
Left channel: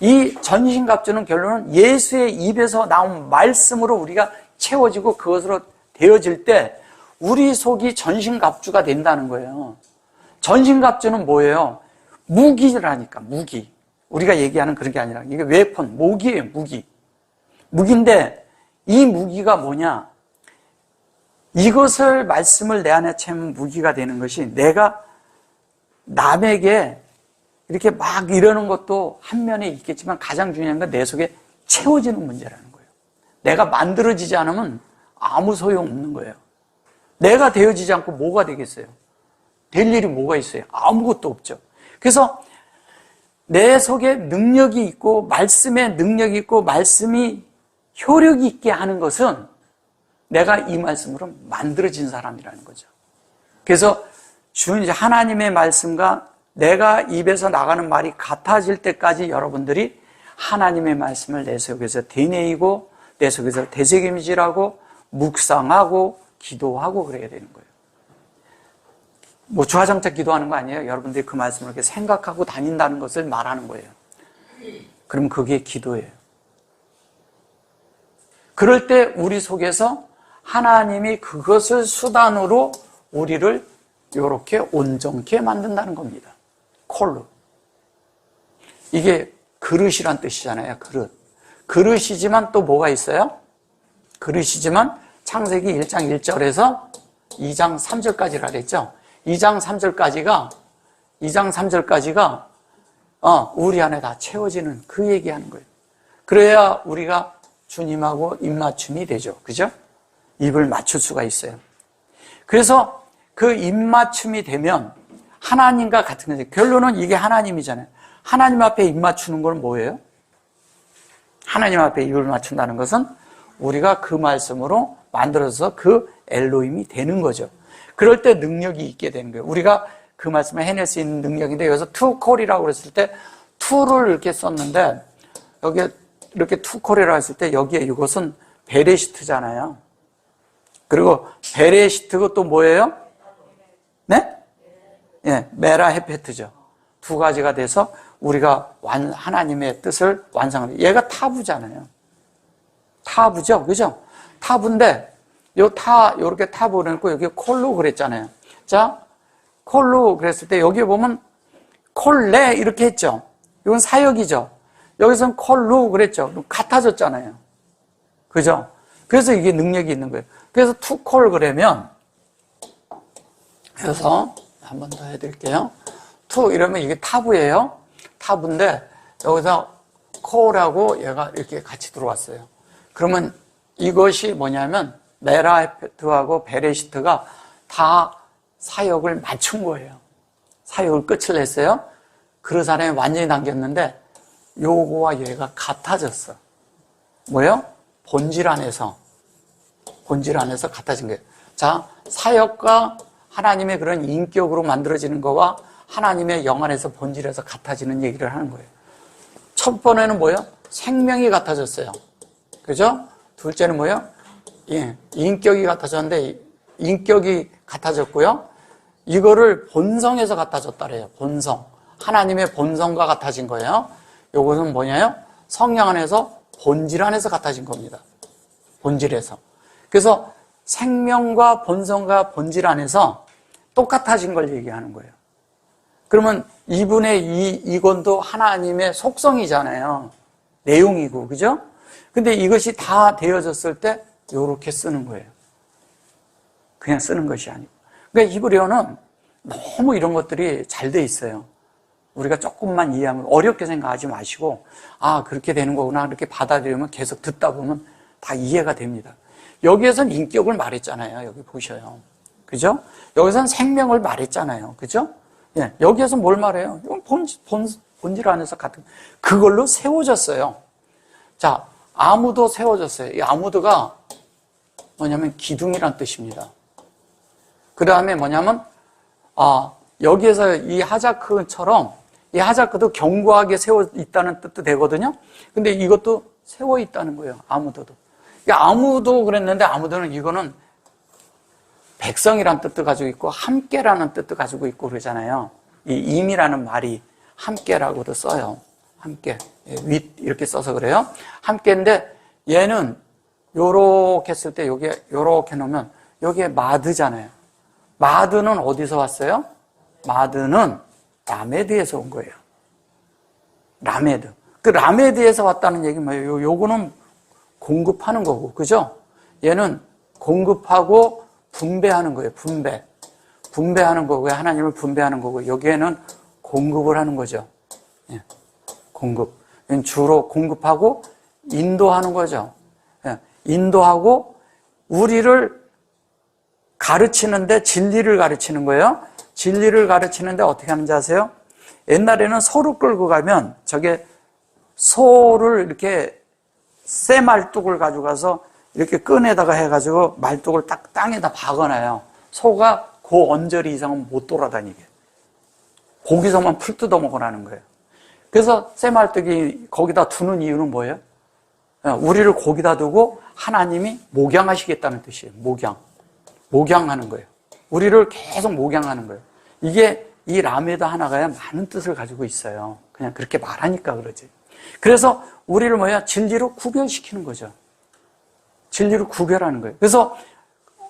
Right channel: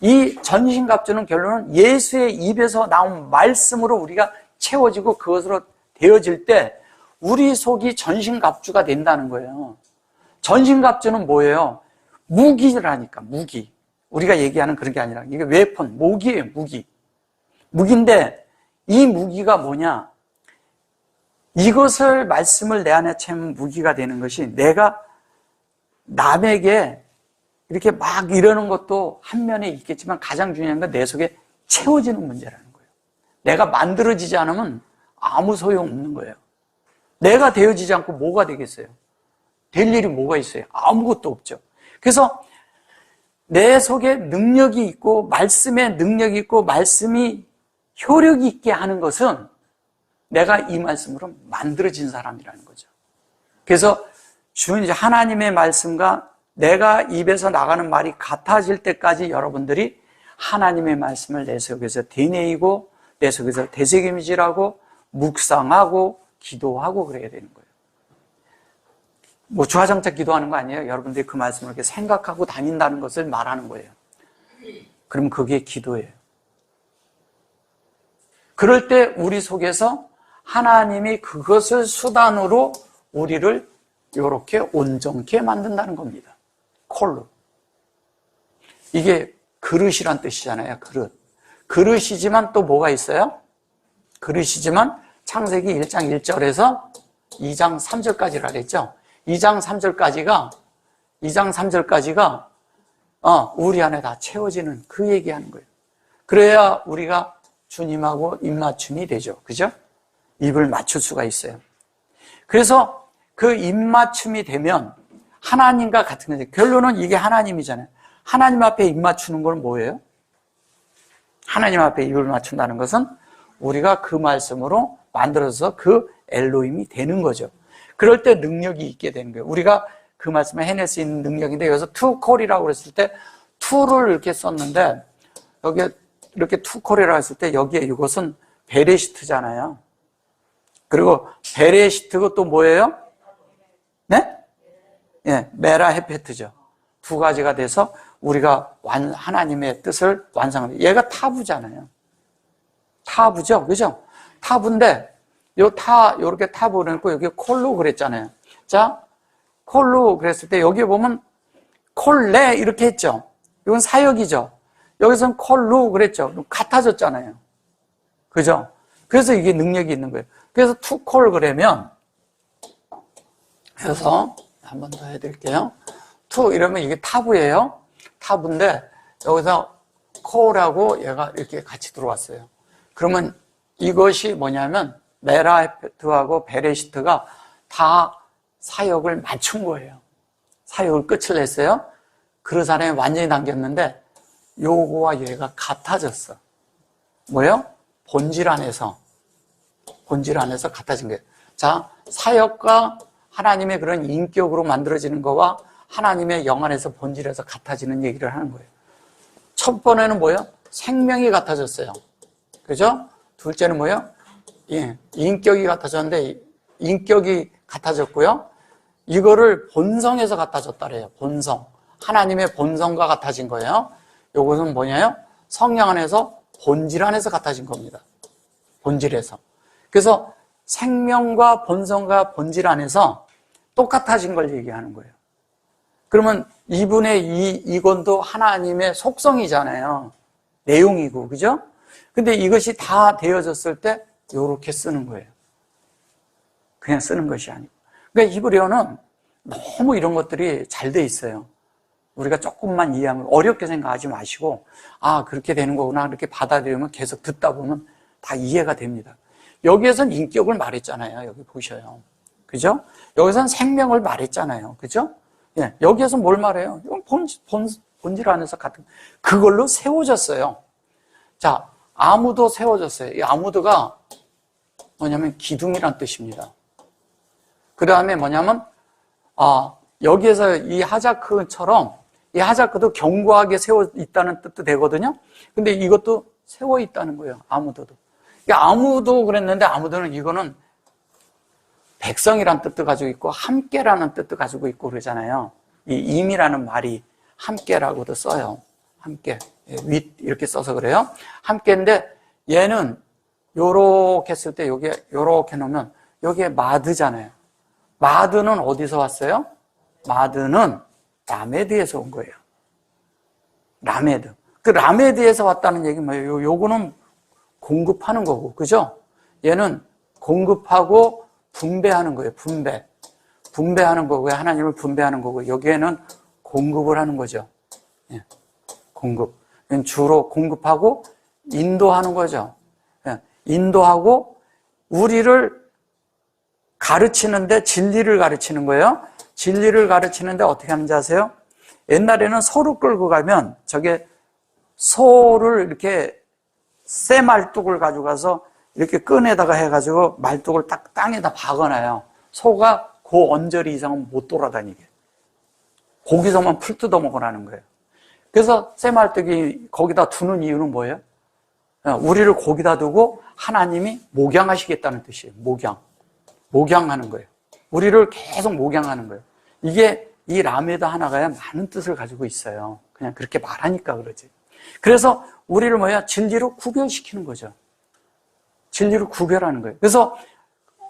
이 전신갑주는 결론은 예수의 입에서 나온 말씀으로 우리가 채워지고 그것으로 되어질 때 우리 속이 전신갑주가 된다는 거예요. 전신갑주는 뭐예요? 무기라니까, 무기. 우리가 얘기하는 그런 게 아니라 이게 웨폰, 무기예요, 무기. 무기인데 이 무기가 뭐냐? 이것을 말씀을 내 안에 채우면 무기가 되는 것이 내가 남에게 이렇게 막 이러는 것도 한 면에 있겠지만 가장 중요한 건 내 속에 채워지는 문제라는 거예요. 내가 만들어지지 않으면 아무 소용없는 거예요. 내가 되어지지 않고 뭐가 되겠어요? 될 일이 뭐가 있어요? 아무것도 없죠. 그래서 내 속에 능력이 있고 말씀에 능력이 있고 말씀이 효력이 있게 하는 것은 내가 이 말씀으로 만들어진 사람이라는 거죠. 그래서 주님 하나님의 말씀과 내가 입에서 나가는 말이 같아질 때까지 여러분들이 하나님의 말씀을 내 속에서 되뇌이고 내 속에서 되새김질하고 묵상하고 기도하고 그래야 되는 거예요. 뭐 주화장창 기도하는 거 아니에요. 여러분들이 그 말씀을 이렇게 생각하고 다닌다는 것을 말하는 거예요. 그럼 그게 기도예요. 그럴 때 우리 속에서 하나님이 그것을 수단으로 우리를 이렇게 온전케 만든다는 겁니다. 콜로. 이게 그릇이란 뜻이잖아요. 그릇. 그릇이지만 또 뭐가 있어요? 그릇이지만 창세기 1장 1절에서 2장 3절까지라 그랬죠. 2장 3절까지가 우리 안에 다 채워지는 그 얘기하는 거예요. 그래야 우리가 주님하고 입맞춤이 되죠. 그죠? 입을 맞출 수가 있어요. 그래서 그 입맞춤이 되면 하나님과 같은 건데 결론은 이게 하나님이잖아요. 하나님 앞에 입 맞추는 건 뭐예요? 하나님 앞에 입을 맞춘다는 것은 우리가 그 말씀으로 만들어서 그 엘로힘이 되는 거죠. 그럴 때 능력이 있게 되는 거예요. 우리가 그 말씀을 해낼 수 있는 능력인데 여기서 투콜이라고 그랬을 때 투를 이렇게 썼는데 여기에 이렇게 투콜이라고 했을 때 여기에 이것은 베레시트잖아요. 그리고 베레시트가 또 뭐예요? 네? 예, 메라 헤페트죠. 두 가지가 돼서 우리가 하나님의 뜻을 완성합니다. 얘가 타부잖아요. 타부죠, 그죠? 타부인데 요렇게 타부 그랬고 여기 콜로 그랬잖아요. 자, 콜로 그랬을 때 여기 보면 콜레 이렇게 했죠. 이건 사역이죠. 여기서는 콜로 그랬죠. 같아졌잖아요. 그죠? 그래서 이게 능력이 있는 거예요. 그래서 투콜 그러면 그래서 한 번 더 해드릴게요. 투 이러면 이게 타부예요. 타부인데 여기서 콜하고 얘가 이렇게 같이 들어왔어요. 그러면 이것이 뭐냐면 메라헤트하고 베레시트가 다 사역을 맞춘 거예요. 사역을 끝을 냈어요. 그 사람이 완전히 남겼는데 요거와 얘가 같아졌어. 뭐예요? 본질 안에서 같아진 거예요. 자, 사역과 하나님의 그런 인격으로 만들어지는 거와 하나님의 영 안에서 본질에서 같아지는 얘기를 하는 거예요. 첫 번에는 뭐예요? 생명이 같아졌어요. 그죠? 둘째는 뭐예요? 예, 인격이 같아졌는데 인격이 같아졌고요. 이거를 본성에서 같아졌다 그래요. 본성. 하나님의 본성과 같아진 거예요. 요것은 뭐냐요? 성령 안에서 본질 안에서 같아진 겁니다. 본질에서. 그래서 생명과 본성과 본질 안에서 똑같아진 걸 얘기하는 거예요. 그러면 2분의 2 이건도 하나님의 속성이잖아요. 내용이고, 그죠? 근데 이것이 다 되어졌을 때 이렇게 쓰는 거예요. 그냥 쓰는 것이 아니고. 그러니까 히브리어는 너무 이런 것들이 잘 돼 있어요. 우리가 조금만 이해하면 어렵게 생각하지 마시고, 아, 그렇게 되는 거구나. 이렇게 받아들이면 계속 듣다 보면 다 이해가 됩니다. 여기에선 인격을 말했잖아요. 여기 보셔요. 그죠? 여기선 생명을 말했잖아요. 그죠? 예, 여기에서 뭘 말해요? 본질 안에서 같은, 그걸로 세워졌어요. 자, 아무도 세워졌어요. 이 아무도가 뭐냐면 기둥이란 뜻입니다. 그 다음에 뭐냐면, 여기에서 이 하자크처럼, 이 하자크도 견고하게 세워 있다는 뜻도 되거든요. 근데 이것도 세워 있다는 거예요. 아무도도. 아무도 그랬는데 아무도는 이거는 백성이라는 뜻도 가지고 있고 함께라는 뜻도 가지고 있고 그러잖아요. 이 임이라는 말이 함께라고도 써요. 함께. 윗 이렇게 써서 그래요. 함께인데 얘는 요렇게 했을 때 여기에 요렇게 놓으면 여기에 마드잖아요. 마드는 어디서 왔어요? 마드는 라메드에서 온 거예요. 라메드. 그 라메드에서 왔다는 얘기는 뭐예요? 요거는 공급하는 거고, 그죠? 얘는 공급하고 분배하는 거예요. 분배하는 거고요. 하나님을 분배하는 거고, 여기에는 공급을 하는 거죠. 예. 공급. 주로 공급하고 인도하는 거죠. 예. 인도하고 우리를 가르치는데 진리를 가르치는 거예요. 진리를 가르치는데 어떻게 하는지 아세요? 옛날에는 소를 끌고 가면 저게 소를 이렇게 새 말뚝을 가져가서 이렇게 끈에다가 해가지고 말뚝을 딱 땅에다 박아놔요. 소가 그 언저리 이상은 못 돌아다니게. 거기서만 풀 뜯어 먹으라는 거예요. 그래서 새 말뚝이 거기다 두는 이유는 뭐예요? 우리를 거기다 두고 하나님이 목양하시겠다는 뜻이에요. 목양하는 거예요. 우리를 계속 목양하는 거예요. 이게 이 라메드 하나가 많은 뜻을 가지고 있어요. 그냥 그렇게 말하니까 그러지. 그래서 우리를 진리로 구별시키는 거죠. 진리로 구별하는 거예요. 그래서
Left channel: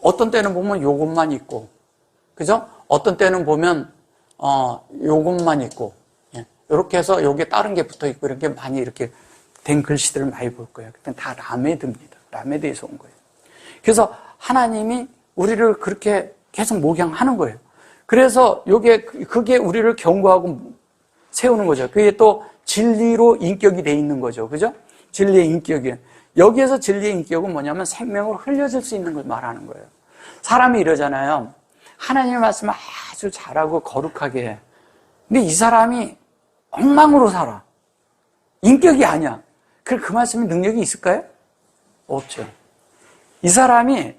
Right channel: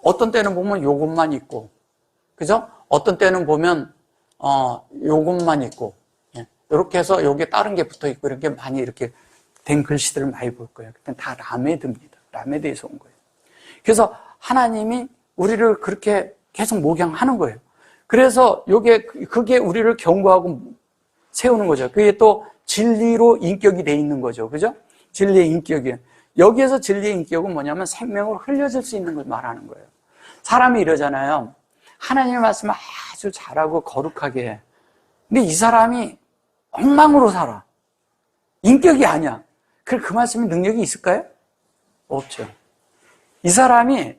어떤 때는 보면 요것만 있고, 그죠? 어떤 때는 보면 요것만 있고, 이렇게 해서 여기에 다른 게 붙어 있고 이렇게 많이 이렇게 된 글씨들을 많이 볼 거예요. 그때 다 라메드입니다. 라메드에서 온 거예요. 그래서 하나님이 우리를 그렇게 계속 목양하는 거예요. 그래서 그게 우리를 견고하고 세우는 거죠. 그게 또 진리로 인격이 돼 있는 거죠. 그죠? 진리의 인격이. 여기에서 진리의 인격은 뭐냐면 생명을 흘려줄 수 있는 걸 말하는 거예요. 사람이 이러잖아요. 하나님의 말씀을 아주 잘하고 거룩하게 해. 근데 이 사람이 엉망으로 살아. 인격이 아니야. 그 말씀에 능력이 있을까요? 없죠. 이 사람이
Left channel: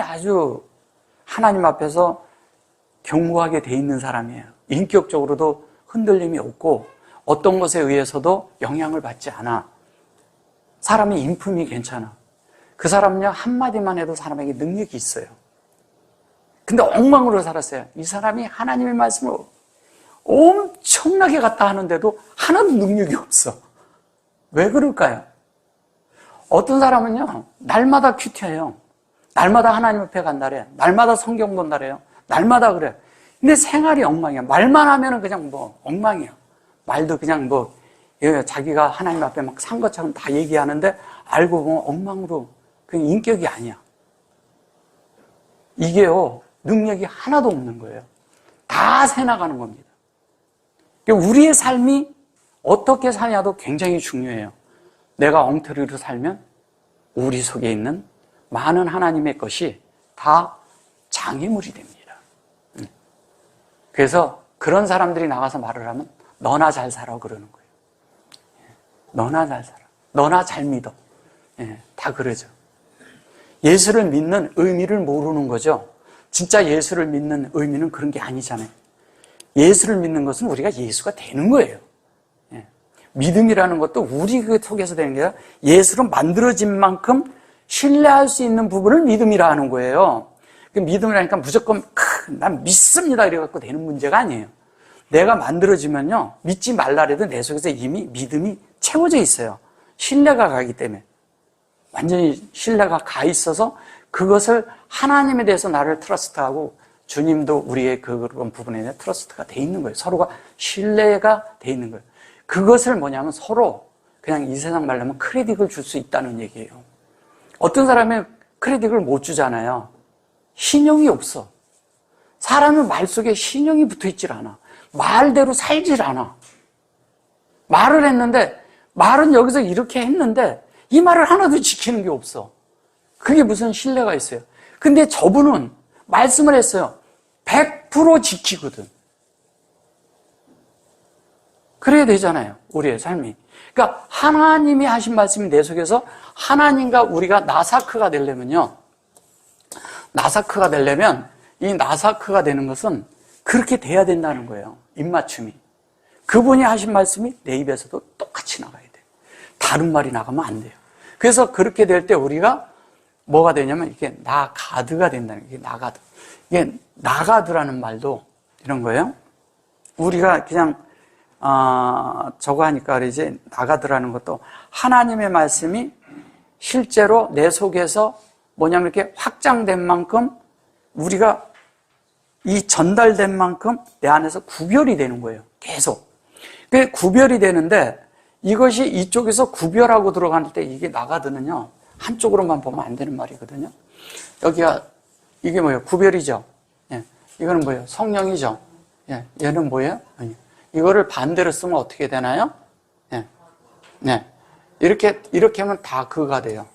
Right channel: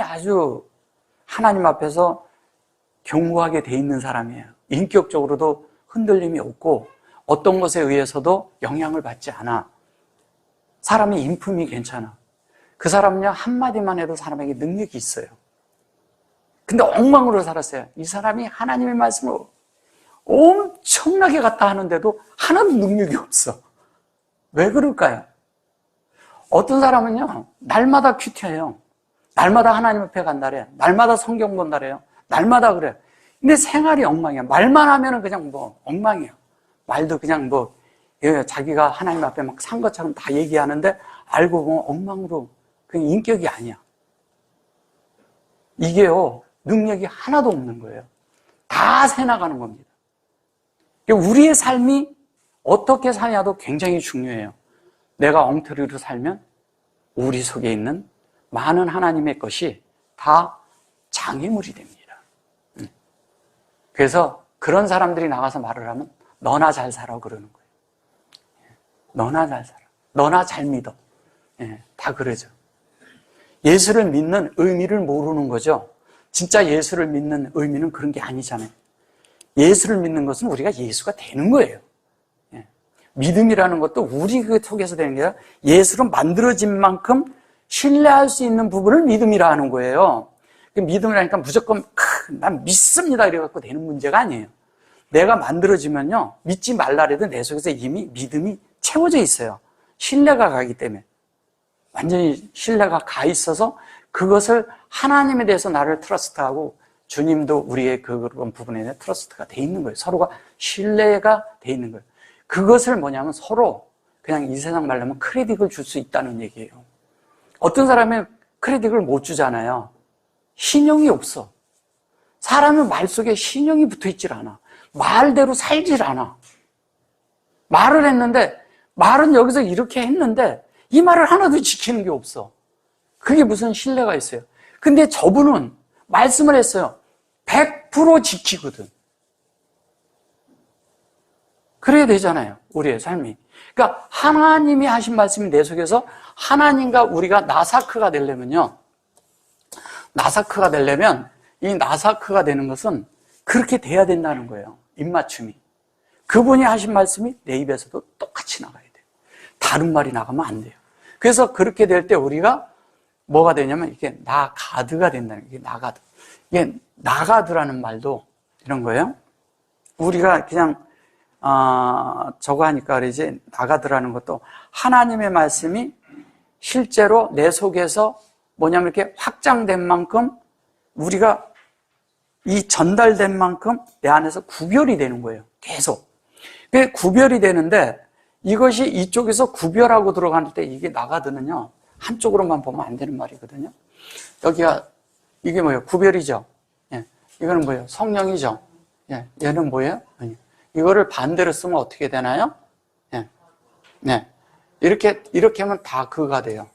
아주 하나님 앞에서 견고하게 돼 있는 사람이에요. 인격적으로도 흔들림이 없고 어떤 것에 의해서도 영향을 받지 않아. 사람이 인품이 괜찮아. 그 사람은요, 한마디만 해도 사람에게 능력이 있어요. 근데 엉망으로 살았어요. 이 사람이 하나님의 말씀을 엄청나게 갖다 하는데도 하나도 능력이 없어. 왜 그럴까요? 어떤 사람은요, 날마다 큐티해요. 날마다 하나님 앞에 간다래. 날마다 성경 본다래요. 날마다 그래. 근데 생활이 엉망이야. 말만 하면은 그냥 엉망이야. 말도 그냥 자기가 하나님 앞에 막 산 것처럼 다 얘기하는데 알고 보면 엉망으로 그냥 인격이 아니야. 이게요, 능력이 하나도 없는 거예요. 다 새나가는 겁니다. 우리의 삶이 어떻게 사냐도 굉장히 중요해요. 내가 엉터리로 살면 우리 속에 있는 많은 하나님의 것이 다 장애물이 됩니다. 그래서 그런 사람들이 나가서 말을 하면 너나 잘 살아 그러는 거예요. 너나 잘 살아. 너나 잘 믿어. 다 그러죠. 예수를 믿는 의미를 모르는 거죠. 진짜 예수를 믿는 의미는 그런 게 아니잖아요. 예수를 믿는 것은 우리가 예수가 되는 거예요. 믿음이라는 것도 우리 속에서 되는 게 아니라 예수로 만들어진 만큼 신뢰할 수 있는 부분을 믿음이라 하는 거예요. 그 믿음이라니까 무조건 난 믿습니다 이래갖고 되는 문제가 아니에요. 내가 만들어지면요, 믿지 말라래도 내 속에서 이미 믿음이 채워져 있어요. 신뢰가 가기 때문에. 완전히 신뢰가 가 있어서 그것을 하나님에 대해서 나를 트러스트하고 주님도 우리의 그런 부분에 트러스트가 돼 있는 거예요. 서로가 신뢰가 돼 있는 거예요. 그것을 뭐냐면 서로 그냥 이 세상 말로 하면 크레딧을 줄 수 있다는 얘기예요. 어떤 사람은 크레딧을 못 주잖아요. 신용이 없어. 사람은 말 속에 신용이 붙어 있질 않아. 말대로 살질 않아. 말을 했는데, 말은 여기서 이렇게 했는데 이 말을 하나도 지키는 게 없어. 그게 무슨 신뢰가 있어요. 근데 저분은 말씀을 했어요. 100% 지키거든. 그래야 되잖아요, 우리의 삶이. 그러니까 하나님이 하신 말씀이 내 속에서 하나님과 우리가 나사크가 되려면요, 나사크가 되려면 이 나사크가 되는 것은 그렇게 돼야 된다는 거예요. 입맞춤이. 그분이 하신 말씀이 내 입에서도 똑같이 나가야 돼요. 다른 말이 나가면 안 돼요. 그래서 그렇게 될 때 우리가 뭐가 되냐면 이게 나가드가 된다는 거예요. 이게 나가드. 이게 나가드라는 말도 이런 거예요. 우리가 그냥 저거 하니까 그러지, 나가드라는 것도 하나님의 말씀이 실제로 내 속에서 뭐냐면 이렇게 확장된 만큼 우리가 이 전달된 만큼 내 안에서 구별이 되는 거예요. 계속. 그 구별이 되는데 이것이 이쪽에서 구별하고 들어갈 때 이게 나가드는요, 한쪽으로만 보면 안 되는 말이거든요. 여기가 이게 뭐예요? 구별이죠. 예. 이거는 뭐예요? 성령이죠. 예. 얘는 뭐예요? 아니. 이거를 반대로 쓰면 어떻게 되나요? 예. 네. 이렇게 하면 다그가 돼요.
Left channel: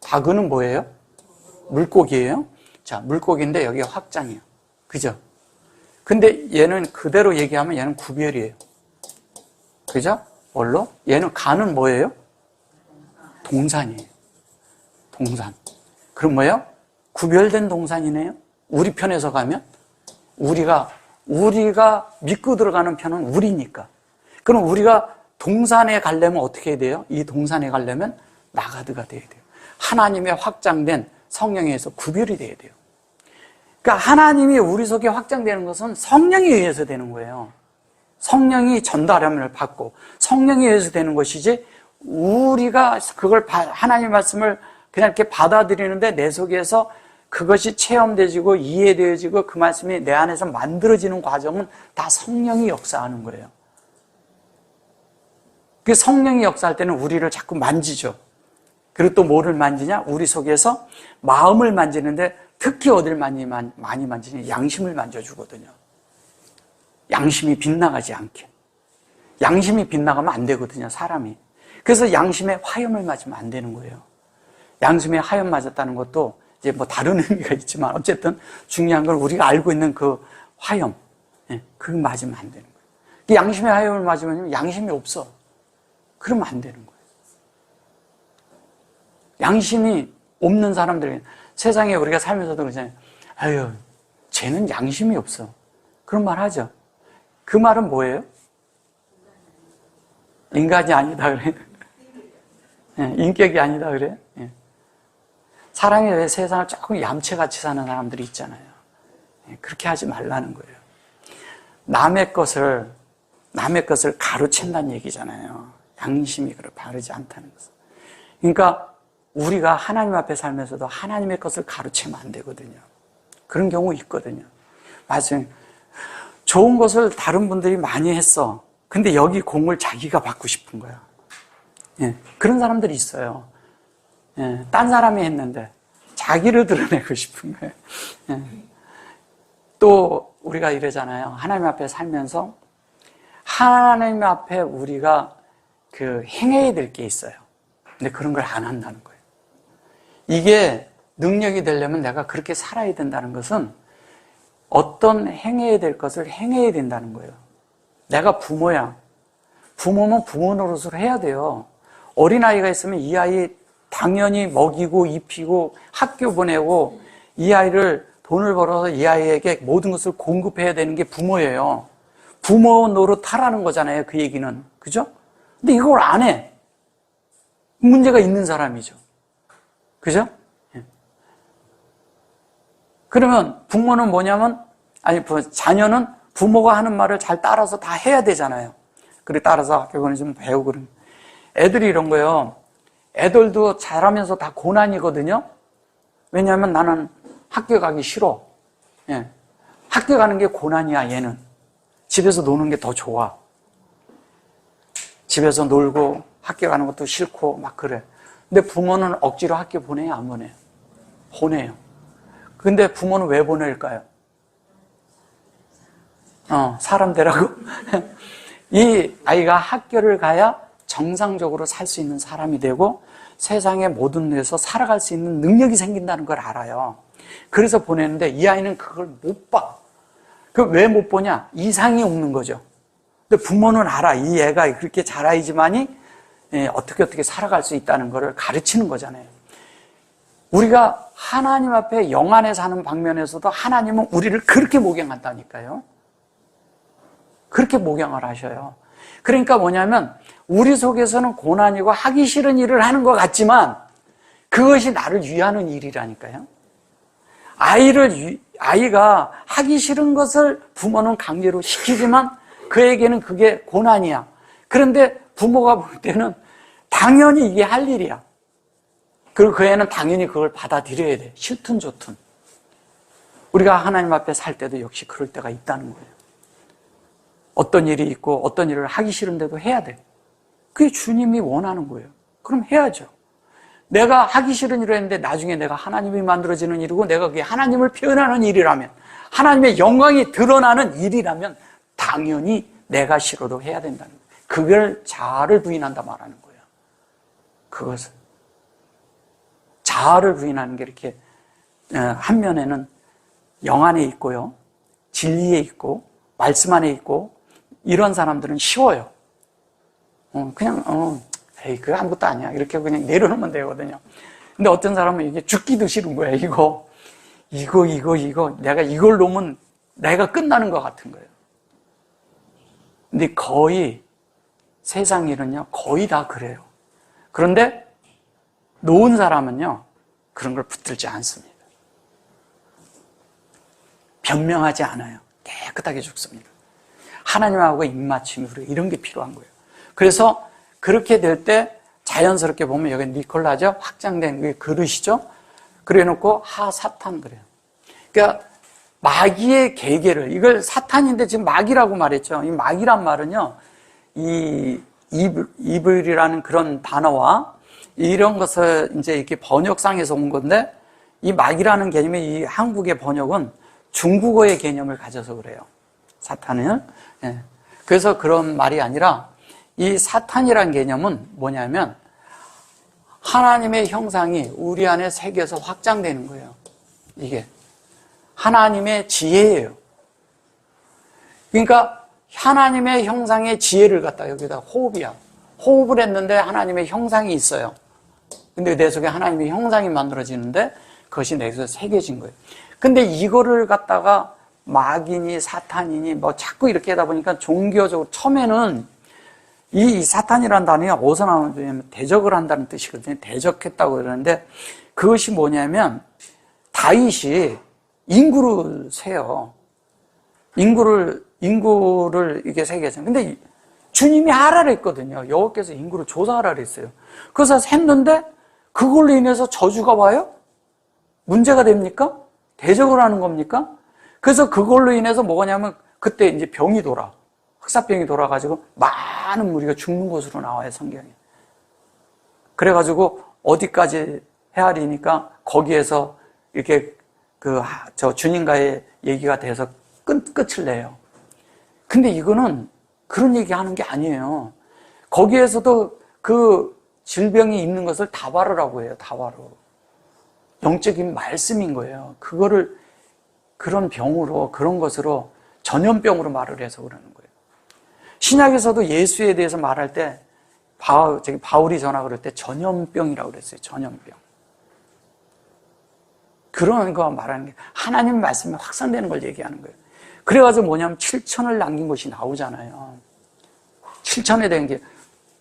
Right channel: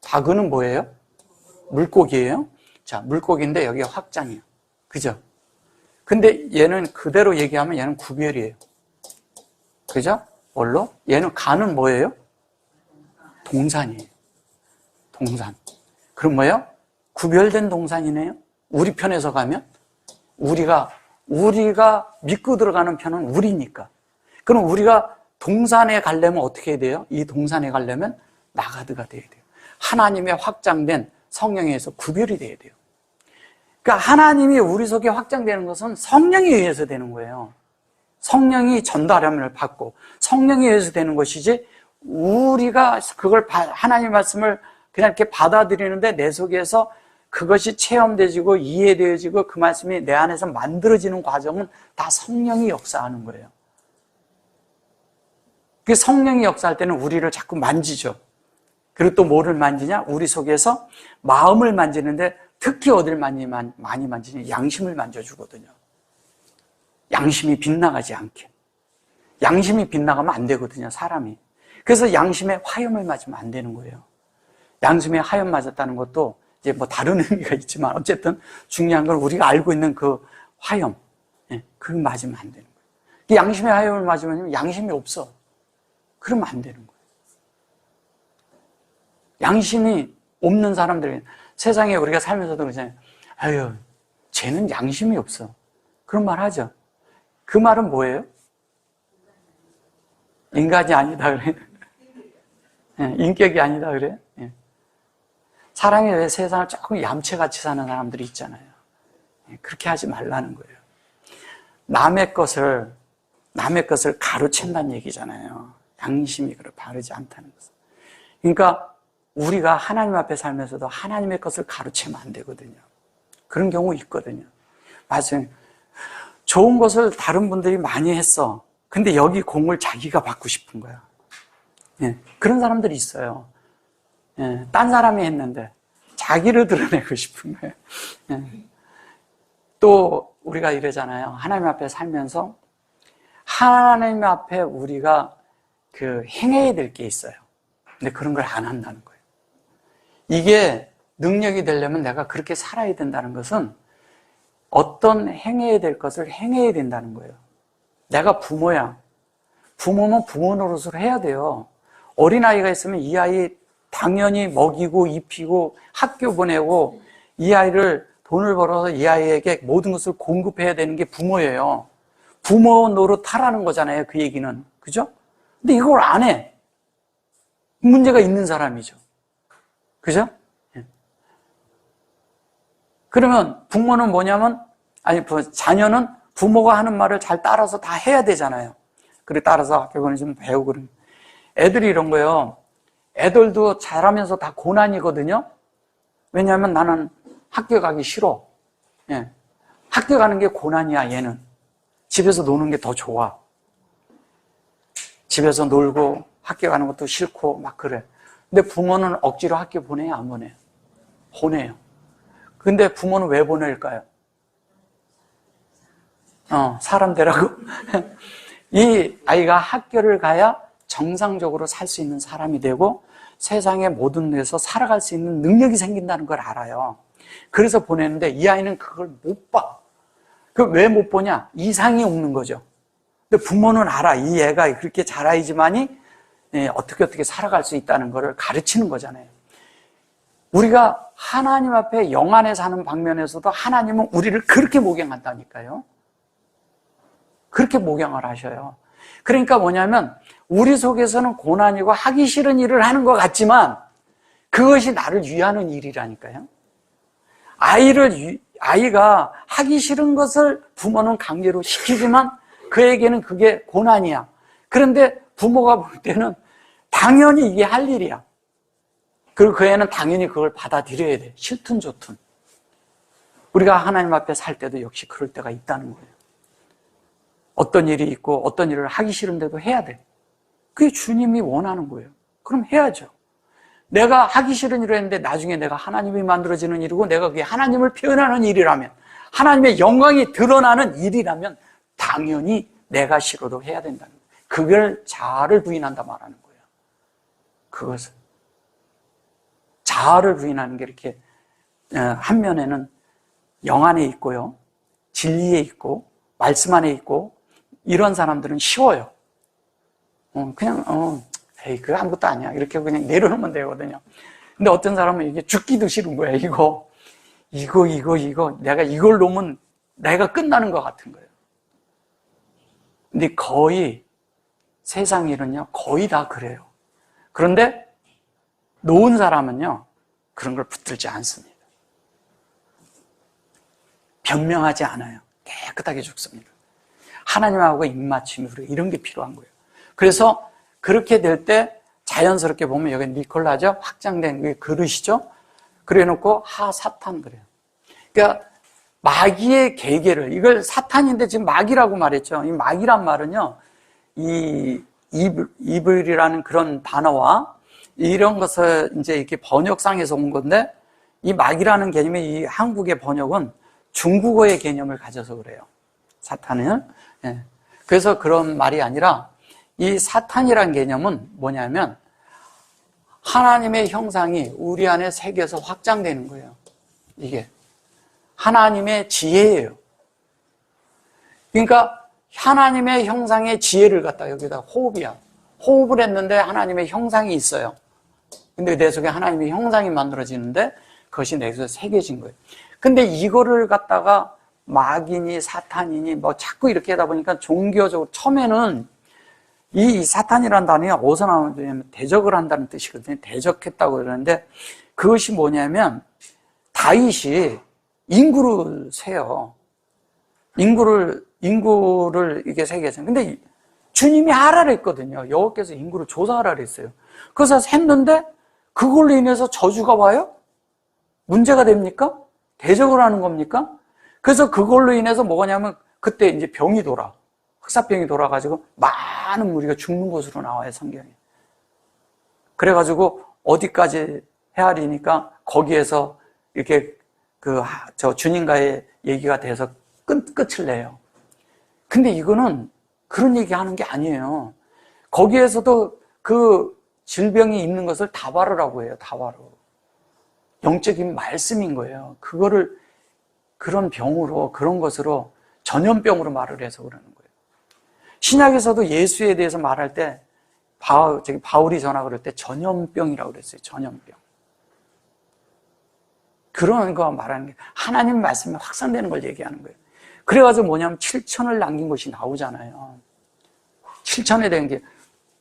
다그는 뭐예요? 물고기예요. 자, 물고기인데 여기가 확장이에요. 그죠? 근데 얘는 그대로 얘기하면 얘는 구별이에요. 그죠? 뭘로? 얘는 가는 뭐예요? 동산이에요. 동산. 그럼 뭐예요? 구별된 동산이네요. 우리 편에서 가면 우리가 믿고 들어가는 편은 우리니까. 그럼 우리가 동산에 가려면 어떻게 해야 돼요? 이 동산에 가려면 나가드가 돼야 돼요. 하나님의 확장된 성령에 의해서 구별이 돼야 돼요. 그러니까 하나님이 우리 속에 확장되는 것은 성령에 의해서 되는 거예요. 성령이 전달함을 받고 성령에 의해서 되는 것이지, 우리가 그걸 하나님의 말씀을 그냥 이렇게 받아들이는데 내 속에서 그것이 체험되어지고 이해되어지고 그 말씀이 내 안에서 만들어지는 과정은 다 성령이 역사하는 거예요. 그 성령이 역사할 때는 우리를 자꾸 만지죠. 그리고 또 뭐를 만지냐? 우리 속에서 마음을 만지는데 특히 어딜 많이 만지냐? 양심을 만져주거든요. 양심이 빗나가지 않게. 양심이 빗나가면 안 되거든요, 사람이. 그래서 양심에 화염을 맞으면 안 되는 거예요. 양심에 화염 맞았다는 것도 이제 뭐 다른 의미가 있지만 어쨌든 중요한 건 우리가 알고 있는 그 화염, 그거 맞으면 안 되는 거예요. 양심에 화염을 맞으면 양심이 없어. 그러면 안 되는 거예요. 양심이 없는 사람들이 세상에 우리가 살면서도 그러잖아요. 아유, 쟤는 양심이 없어. 그런 말 하죠. 그 말은 뭐예요? 인간이 아니다 그래. 인격이 아니다 그래. 사랑에 왜 세상을 조금 얌체같이 사는 사람들이 있잖아요. 그렇게 하지 말라는 거예요. 남의 것을 가로챈다는 얘기잖아요. 양심이 그걸 바르지 않다는 것은. 그러니까 우리가 하나님 앞에 살면서도 하나님의 것을 가로채면 안 되거든요. 그런 경우 있거든요. 맞아요. 좋은 것을 다른 분들이 많이 했어. 근데 여기 공을 자기가 받고 싶은 거야. 그런 사람들이 있어요. 딴 사람이 했는데 자기를 드러내고 싶은 거예요. 또 우리가 이러잖아요. 하나님 앞에 살면서 하나님 앞에 우리가 행해야 될 게 있어요. 근데 그런 걸 안 한다는 거예요. 이게 능력이 되려면 내가 그렇게 살아야 된다는 것은 어떤 행해야 될 것을 행해야 된다는 거예요. 내가 부모야. 부모는 부모 노릇을 해야 돼요. 어린아이가 있으면 이 아이 당연히 먹이고 입히고 학교 보내고 이 아이를 돈을 벌어서 이 아이에게 모든 것을 공급해야 되는 게 부모예요. 부모 노릇하라는 거잖아요, 그 얘기는. 그죠? 근데 이걸 안 해. 문제가 있는 사람이죠. 그죠? 그러면 부모는 뭐냐면, 자녀는 부모가 하는 말을 잘 따라서 다 해야 되잖아요. 그래, 따라서 학교 보내주면 배우고 그러면. 애들이 이런 거예요. 애들도 잘하면서 다 고난이거든요. 왜냐하면 나는 학교 가기 싫어. 예. 학교 가는 게 고난이야, 얘는. 집에서 노는 게 더 좋아. 집에서 놀고 학교 가는 것도 싫고 막 그래. 근데 부모는 억지로 학교 보내요, 안 보내요? 보내요. 근데 부모는 왜 보낼까요? 사람 되라고. 이 아이가 학교를 가야 정상적으로 살 수 있는 사람이 되고 세상의 모든 데서 살아갈 수 있는 능력이 생긴다는 걸 알아요. 그래서 보내는데 이 아이는 그걸 못 봐. 왜 못 보냐? 이상이 없는 거죠. 근데 부모는 알아. 이 애가 그렇게 잘아이지만이 어떻게 살아갈 수 있다는 것을 가르치는 거잖아요. 우리가 하나님 앞에 영 안에 사는 방면에서도 하나님은 우리를 그렇게 목용한다니까요. 그렇게 목용을 하셔요. 그러니까 뭐냐면 우리 속에서는 고난이고 하기 싫은 일을 하는 것 같지만 그것이 나를 위하는 일이라니까요. 아이가 하기 싫은 것을 부모는 강제로 시키지만 그에게는 그게 고난이야. 그런데 부모가 볼 때는 당연히 이게 할 일이야. 그리고 그 애는 당연히 그걸 받아들여야 돼. 싫든 좋든. 우리가 하나님 앞에 살 때도 역시 그럴 때가 있다는 거예요. 어떤 일이 있고 어떤 일을 하기 싫은데도 해야 돼. 그게 주님이 원하는 거예요. 그럼 해야죠. 내가 하기 싫은 일을 했는데 나중에 내가 하나님이 만들어지는 일이고 내가 그게 하나님을 표현하는 일이라면 하나님의 영광이 드러나는 일이라면 당연히 내가 싫어도 해야 된다는 거예요. 그걸 자아를 부인한다 말하는 거예요. 그것을. 자아를 부인하는 게 이렇게 한 면에는 영 안에 있고요. 진리에 있고 말씀 안에 있고 이런 사람들은 쉬워요. 그냥 에이 그거 아무것도 아니야 이렇게 그냥 내려놓으면 되거든요. 근데 어떤 사람은 이게 죽기도 싫은 거예요. 이거 내가 이걸 놓으면 내가 끝나는 것 같은 거예요. 근데 거의 세상 일은요 거의 다 그래요. 그런데 놓은 사람은요 그런 걸 붙들지 않습니다. 변명하지 않아요. 깨끗하게 죽습니다. 하나님하고 입맞춤, 이런 게 필요한 거예요. 그래서 그렇게 될 때 자연스럽게 보면 여기 니콜라죠? 확장된 그릇이죠? 그래 놓고 하사탄 그래요. 그러니까 마귀의 계계를, 이걸 사탄인데 지금 마귀라고 말했죠. 이 마귀란 말은요, 이 이블이라는 그런 단어와 이런 것을 이제 이렇게 번역상에서 온 건데 이 마귀라는 개념이 이 한국의 번역은 중국어의 개념을 가져서 그래요. 사탄은. 예. 그래서 그런 말이 아니라 이 사탄이라는 개념은 뭐냐면 하나님의 형상이 우리 안에 새겨서 확장되는 거예요. 이게 하나님의 지혜예요. 그러니까 하나님의 형상의 지혜를 갖다 여기다 호흡이야. 호흡을 했는데 하나님의 형상이 있어요. 근데 내 속에 하나님의 형상이 만들어지는데 그것이 내 속에 새겨진 거예요. 근데 이거를 갖다가 마귀니 사탄이니 뭐 자꾸 이렇게 하다 보니까 종교적으로 처음에는 이 사탄이라는 단어가 어디서 나오냐면 대적을 한다는 뜻이거든요. 대적했다고 그러는데 그것이 뭐냐면 다윗이 인구를 세요. 인구를 이게 세겠어요. 근데 주님이 하라 그랬거든요. 여호와께서 인구를 조사하라 그랬어요. 그래서 샜는데 그걸로 인해서 저주가 와요? 문제가 됩니까? 대적을 하는 겁니까? 그래서 그걸로 인해서 뭐냐면 그때 이제 병이 돌아. 흑사병이 돌아가지고 많은 무리가 죽는 것으로 나와요, 성경에. 그래가지고 어디까지 헤아리니까 거기에서 이렇게 주님과의 얘기가 돼서 끝을 내요. 근데 이거는 그런 얘기 하는 게 아니에요. 거기에서도 그 질병이 있는 것을 다바르라고 해요, 다바르. 영적인 말씀인 거예요. 그거를 그런 병으로, 그런 것으로 전염병으로 말을 해서 그러는 거예요. 신약에서도 예수에 대해서 말할 때 바울이 전하 그럴 때 전염병이라고 그랬어요. 전염병. 그런 거 말하는 게 하나님 말씀이 확산되는 걸 얘기하는 거예요. 그래가지고 뭐냐면 7천을 남긴 것이 나오잖아요. 7천에 된 게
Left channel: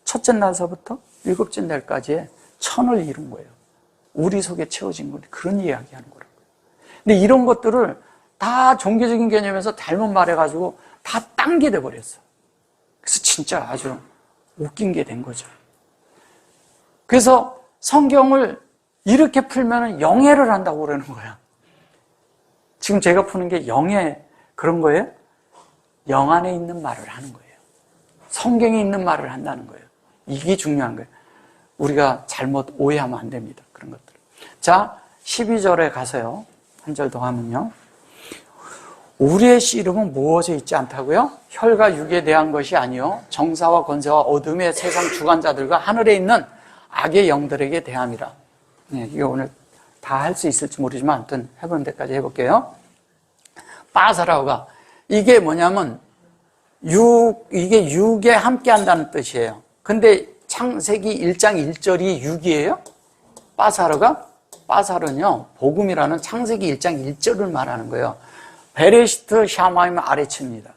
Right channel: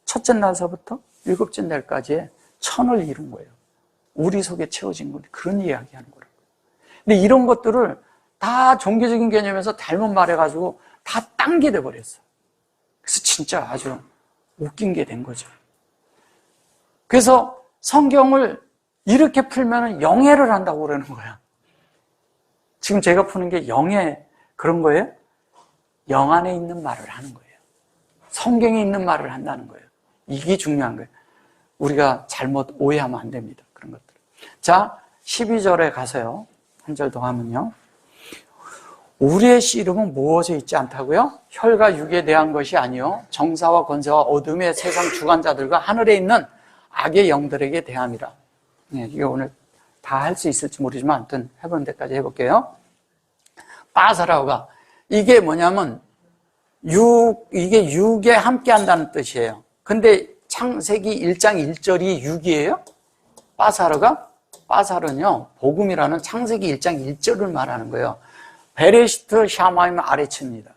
첫째 날서부터 일곱째 날까지의 1000을 이룬 거예요. 우리 속에 채워진 건 그런 이야기하는 거라고요. 근데 이런 것들을 다 종교적인 개념에서 잘못 말해가지고 다 딴 게 돼버렸어. 그래서 진짜 아주 웃긴 게 된 거죠. 그래서 성경을 이렇게 풀면 영예를 한다고 그러는 거야. 지금 제가 푸는 게 영예 그런 거예요? 영 안에 있는 말을 하는 거예요. 성경에 있는 말을 한다는 거예요. 이게 중요한 거예요. 우리가 잘못 오해하면 안 됩니다. 그런 것들. 자, 12절에 가서요. 한 절 더 하면요. 우리의 씨름은 무엇에 있지 않다고요? 혈과 육에 대한 것이 아니요 정사와 권세와 어둠의 세상 주관자들과 하늘에 있는 악의 영들에게 대함이라. 네, 이거 오늘 다 할 수 있을지 모르지만 아무튼 해보는 데까지 해볼게요. 빠사라우가 이게 뭐냐면 이게 육에 함께 한다는 뜻이에요. 근데 창세기 1장 1절이 육이에요? 빠사르는요 복음이라는 창세기 1장 1절을 말하는 거예요. 베레시트 샤마임 아래치입니다.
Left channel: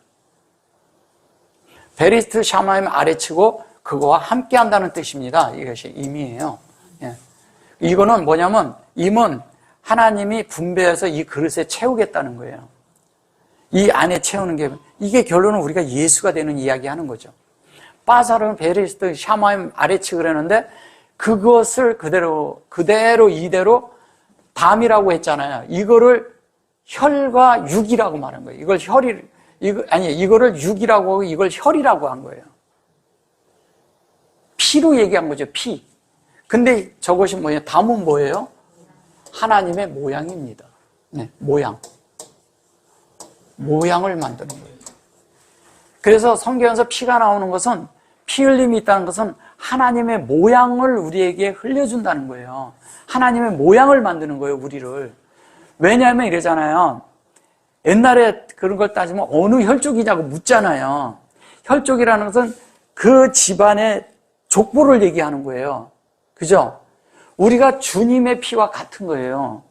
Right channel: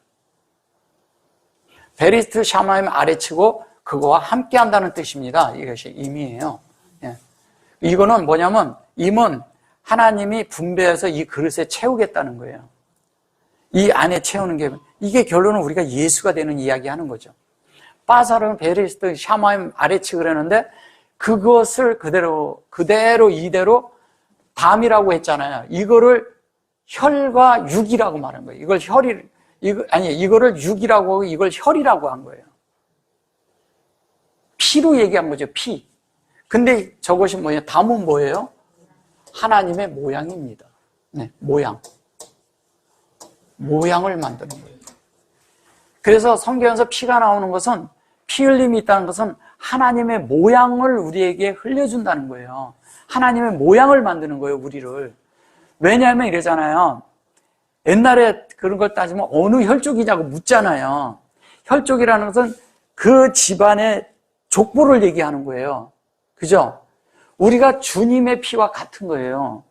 베레시트 샤마임 아래치고 그거와 함께 한다는 뜻입니다. 이것이 임이에요. 예. 이거는 뭐냐면 임은 하나님이 분배해서 이 그릇에 채우겠다는 거예요. 이 안에 채우는 게 이게 결론은 우리가 예수가 되는 이야기 하는 거죠. 빠사르는 베레시트 샤마임 아래치 그러는데 그것을 그대로 이대로 담이라고 했잖아요. 이거를 혈과 육이라고 말한 거예요. 이거를 육이라고 하고 이걸 혈이라고 한 거예요. 피로 얘기한 거죠, 피. 근데 저것이 뭐예요? 담은 뭐예요? 하나님의 모양입니다. 네, 모양을 만드는 거예요. 그래서 성경에서 피가 나오는 것은 피 흘림이 있다는 것은 하나님의 모양을 우리에게 흘려준다는 거예요. 하나님의 모양을 만드는 거예요, 우리를. 왜냐하면 이러잖아요. 옛날에 그런 걸 따지면 어느 혈족이냐고 묻잖아요. 혈족이라는 것은 그 집안의 족보를 얘기하는 거예요. 그죠? 우리가 주님의 피와 같은 거예요.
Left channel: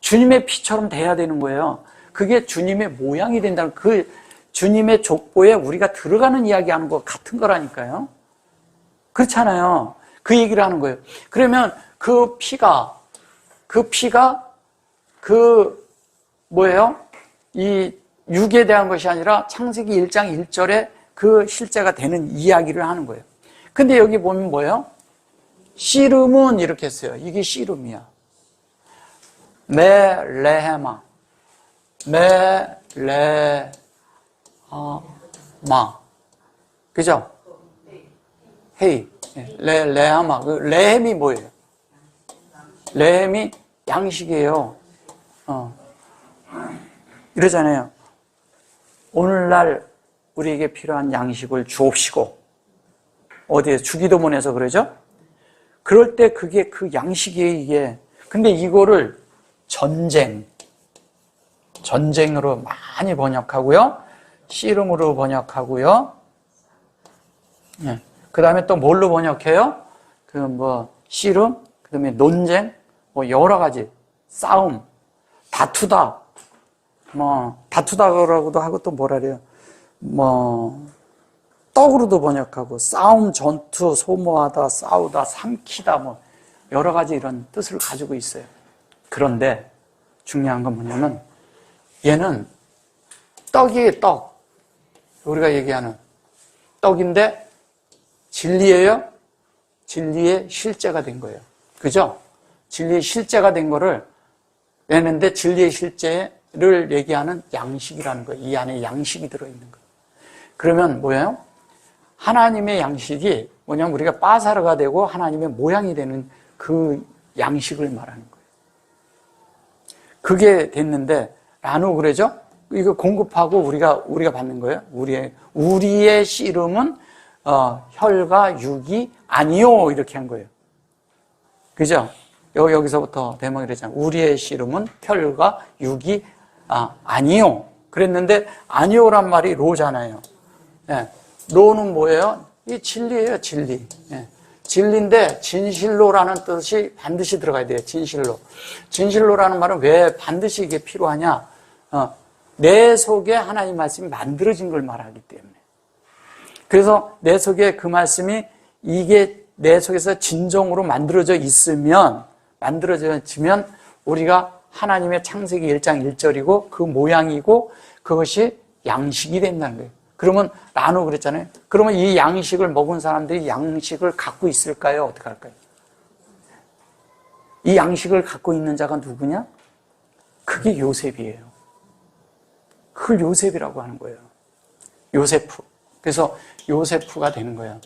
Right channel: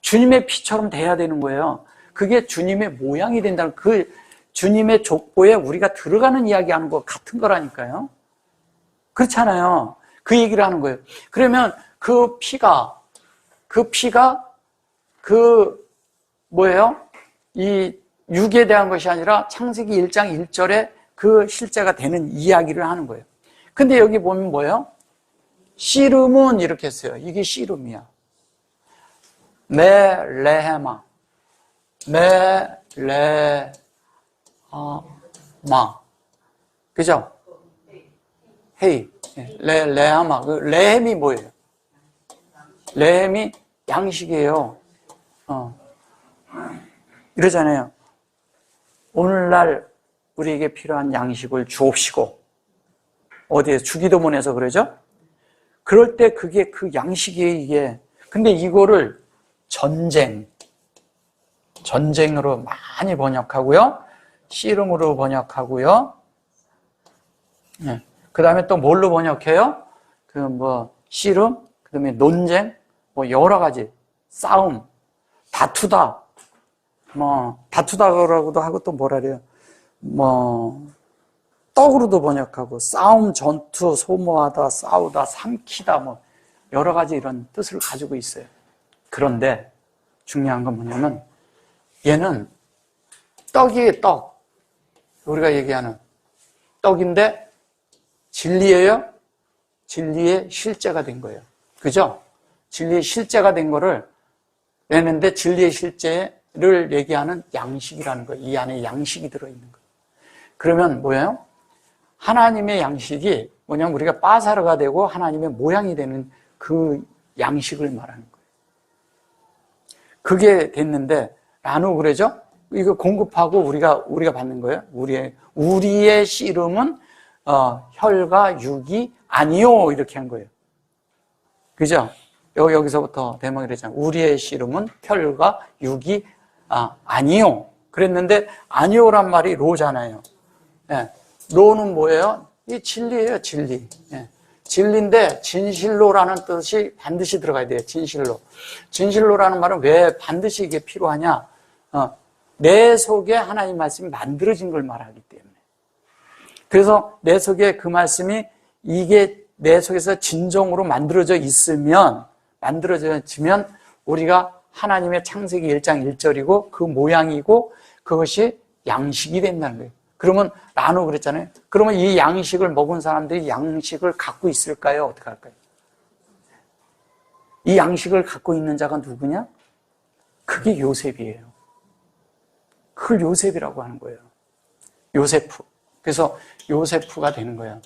주님의 피처럼 돼야 되는 거예요. 그게 주님의 모양이 된다는 그 주님의 족보에 우리가 들어가는 이야기하는 거 같은 거라니까요. 그렇잖아요. 그 얘기를 하는 거예요. 그러면 그 피가 뭐예요? 이 육에 대한 것이 아니라 창세기 1장 1절에 그 실제가 되는 이야기를 하는 거예요. 근데 여기 보면 뭐예요? 씨름은 이렇게 했어요. 이게 씨름이야. 레헤마. 그죠? 헤이. 레헤마. 레헴이 뭐예요? 레헴이 양식이에요. 이러잖아요. 오늘날 우리에게 필요한 양식을 주옵시고 어디에서 주기도문에서 그러죠? 그럴 때 그게 그 양식이에요, 이게. 근데 이거를 전쟁으로 많이 번역하고요. 씨름으로 번역하고요. 네. 그 다음에 또 뭘로 번역해요? 씨름, 그 다음에 논쟁, 여러 가지. 싸움, 다투다라고도 하고 또 뭐라 그래요? 떡으로도 번역하고, 싸움, 전투, 소모하다, 싸우다, 삼키다, 여러 가지 이런 뜻을 가지고 있어요. 그런데 중요한 건 뭐냐면, 얘는 떡이에요, 떡. 우리가 얘기하는 떡인데, 진리예요? 진리의 실제가 된 거예요. 그죠? 진리의 실제가 된 거를 내는데 진리의 실제를 얘기하는 양식이라는 거예요. 이 안에 양식이 들어있는 거예요. 그러면 뭐예요? 하나님의 양식이 뭐냐면 우리가 빠사르가 되고 하나님의 모양이 되는 그 양식을 말하는 거예요. 그게 됐는데 나누고 그러죠? 이거 공급하고 우리가 받는 거예요. 우리의 씨름은 혈과 육이 아니요 이렇게 한 거예요. 그죠? 여기서부터 대목이 되잖아요. 우리의 씨름은 혈과 육이 아니요. 그랬는데 아니요란 말이 로잖아요. 네. 로는 뭐예요? 이게 진리예요, 진리. 네. 진리인데 진실로라는 뜻이 반드시 들어가야 돼요. 진실로. 진실로라는 말은 왜 반드시 이게 필요하냐? 내 속에 하나님 말씀이 만들어진 걸 말하기 때문에. 그래서 내 속에 그 말씀이 이게 내 속에서 진정으로 만들어지면 우리가 하나님의 창세기 1장 1절이고 그 모양이고 그것이 양식이 된다는 거예요. 그러면 나누 그랬잖아요. 그러면 이 양식을 먹은 사람들이 양식을 갖고 있을까요? 어떻게 할까요? 이 양식을 갖고 있는 자가 누구냐? 그게 요셉이에요. 그걸 요셉이라고 하는 거예요. 요세프. 그래서 요세프가 되는 거예요.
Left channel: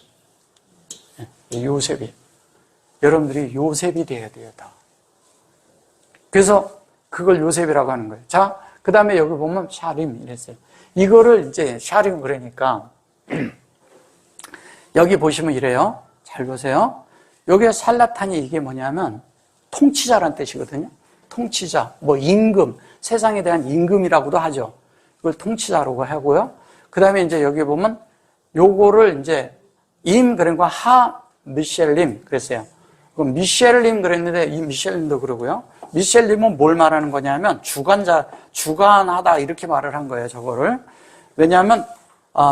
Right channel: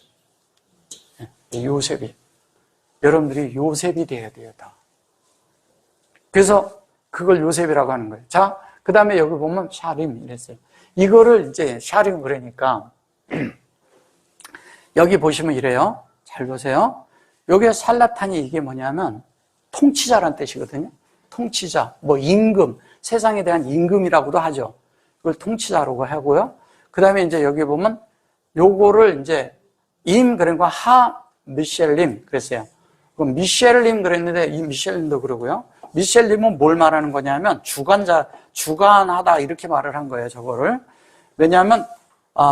요셉이. 여러분들이 요셉이 돼야 돼요, 다. 그래서 그걸 요셉이라고 하는 거예요. 자, 그 다음에 여기 보면 샤림 이랬어요. 이거를 이제 샤림 그러니까 여기 보시면 이래요. 잘 보세요. 여기 살라탄이 이게 뭐냐면 통치자란 뜻이거든요. 통치자, 뭐 임금, 세상에 대한 임금이라고도 하죠. 이걸 통치자라고 하고요. 그 다음에 이제 여기 보면 요거를 이제 그러니까 미셸림 그랬어요. 미셸림 그랬는데 이 미셸림도 그러고요. 미셸림은 뭘 말하는 거냐면 주관하다 이렇게 말을 한 거예요. 저거를. 왜냐하면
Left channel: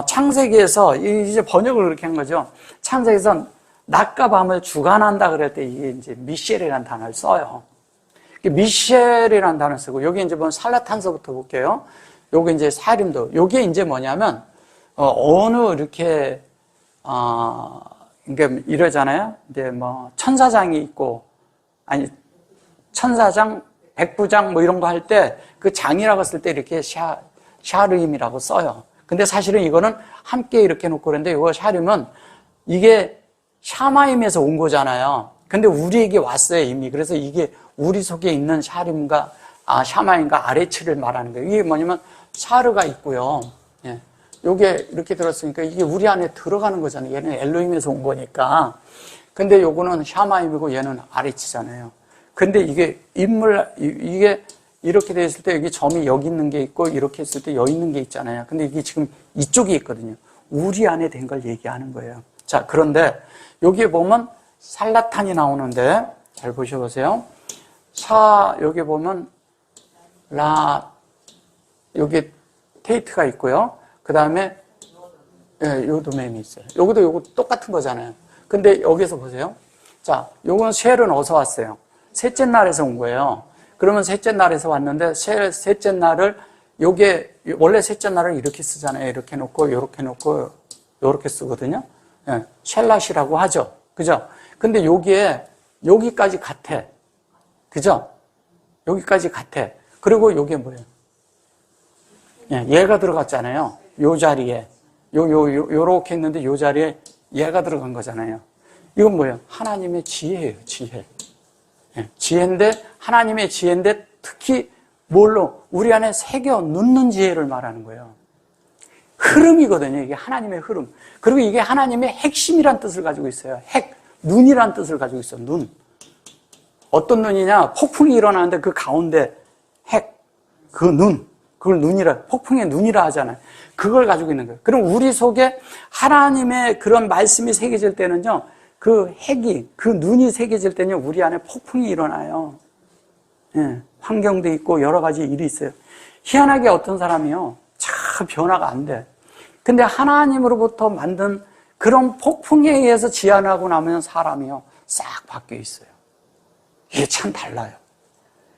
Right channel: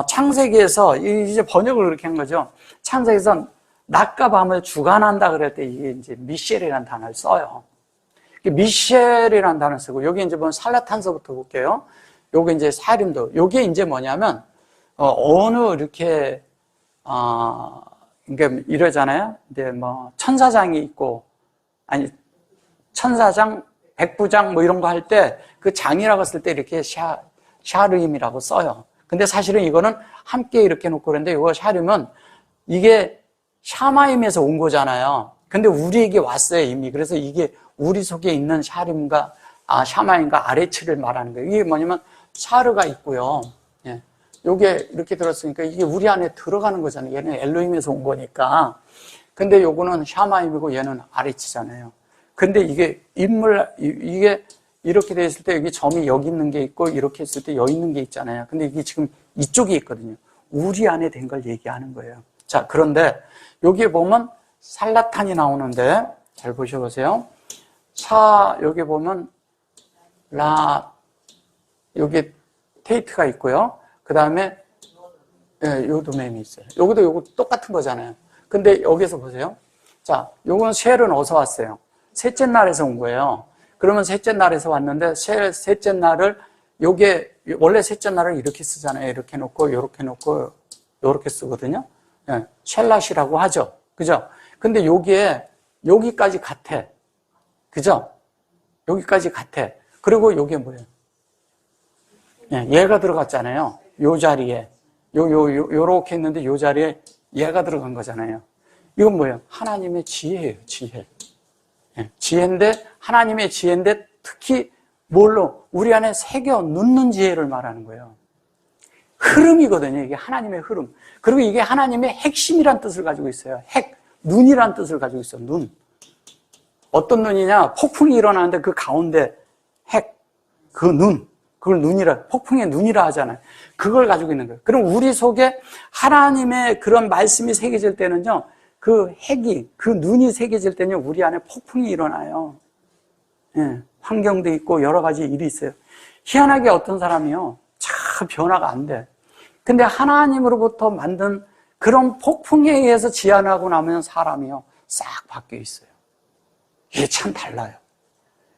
창세기에서 이제 번역을 그렇게 한 거죠. 창세기에서 낮과 밤을 주관한다 그럴 때 이게 이제 미셸이라는 단어를 써요. 미셸이라는 단어를 쓰고 여기 이제 보면 살라탄서부터 볼게요. 요게 이제 사림도 요게 이제 뭐냐면 어느 이렇게 그러니까 이러잖아요. 이제 뭐 천사장이 있고 아니 천사장, 백부장 뭐 이런 거 할 때 그 장이라고 쓸 때 이렇게 샤르임이라고 써요. 근데 사실은 이거는 함께 이렇게 놓고 그러는데 이거 샤림은 이게 샤마임에서 온 거잖아요. 근데 우리에게 왔어요, 이미. 그래서 이게 우리 속에 있는 샤림과 샤마임과 아레츠를 말하는 거예요. 이게 뭐냐면 샤르가 있고요. 예. 요게 이렇게 들었으니까 이게 우리 안에 들어가는 거잖아요. 얘는 엘로힘에서 온 거니까. 근데 요거는 샤마임이고 얘는 아레츠잖아요. 근데 이게 이게 이렇게 돼 있을 때 여기 점이 여기 있는 게 있고 이렇게 했을 때 여기 있는 게 있잖아요. 근데 이게 지금 이쪽에 있거든요. 우리 안에 된 걸 얘기하는 거예요. 자, 그런데 여기에 보면 살라탄이 나오는데 잘 보셔보세요. 여기 보면 여기 테이트가 있고요. 그 다음에 요도맨이 있어요. 요거 똑같은 거잖아요. 근데 여기서 보세요. 자, 요건 쉘은 어디서 왔어요? 셋째 날에서 온 거예요. 그러면 셋째 날에서 왔는데 셋째 날을 요게 원래 셋째 날을 이렇게 쓰잖아요. 이렇게 놓고 이렇게 놓고 이렇게 쓰거든요. 예, 셸랏이라고 하죠. 그죠? 근데 요게 여기까지 같아. 그죠? 여기까지 같아. 그리고 요게 뭐예요? 예, 얘가 들어갔잖아요. 요 자리에 요렇게 했는데 요 자리에 얘가 들어간 거잖아요. 이건 뭐예요? 하나님의 지혜예요. 지혜. 예, 지혜인데 하나님의 지혜인데 특히 뭘로 우리 안에 새겨 넣는 지혜를 말하는 거예요. 흐름이거든요. 이게 하나님의 흐름. 그리고 이게 하나님의 핵심이란 뜻을 가지고 있어요. 눈이란 뜻을 가지고 있어요. 눈. 어떤 눈이냐? 폭풍이 일어나는데 그 가운데 그 눈. 그걸 폭풍의 눈이라 하잖아요. 그걸 가지고 있는 거예요. 그럼 우리 속에 하나님의 그런 말씀이 새겨질 때는요, 그 눈이 새겨질 때는 우리 안에 폭풍이 일어나요. 예, 환경도 있고 여러 가지 일이 있어요. 희한하게 어떤 사람이요, 참 변화가 안 돼. 근데 하나님으로부터 만든 그런 폭풍에 의해서 지연하고 나면 사람이요, 싹 바뀌어 있어요. 이게 참 달라요.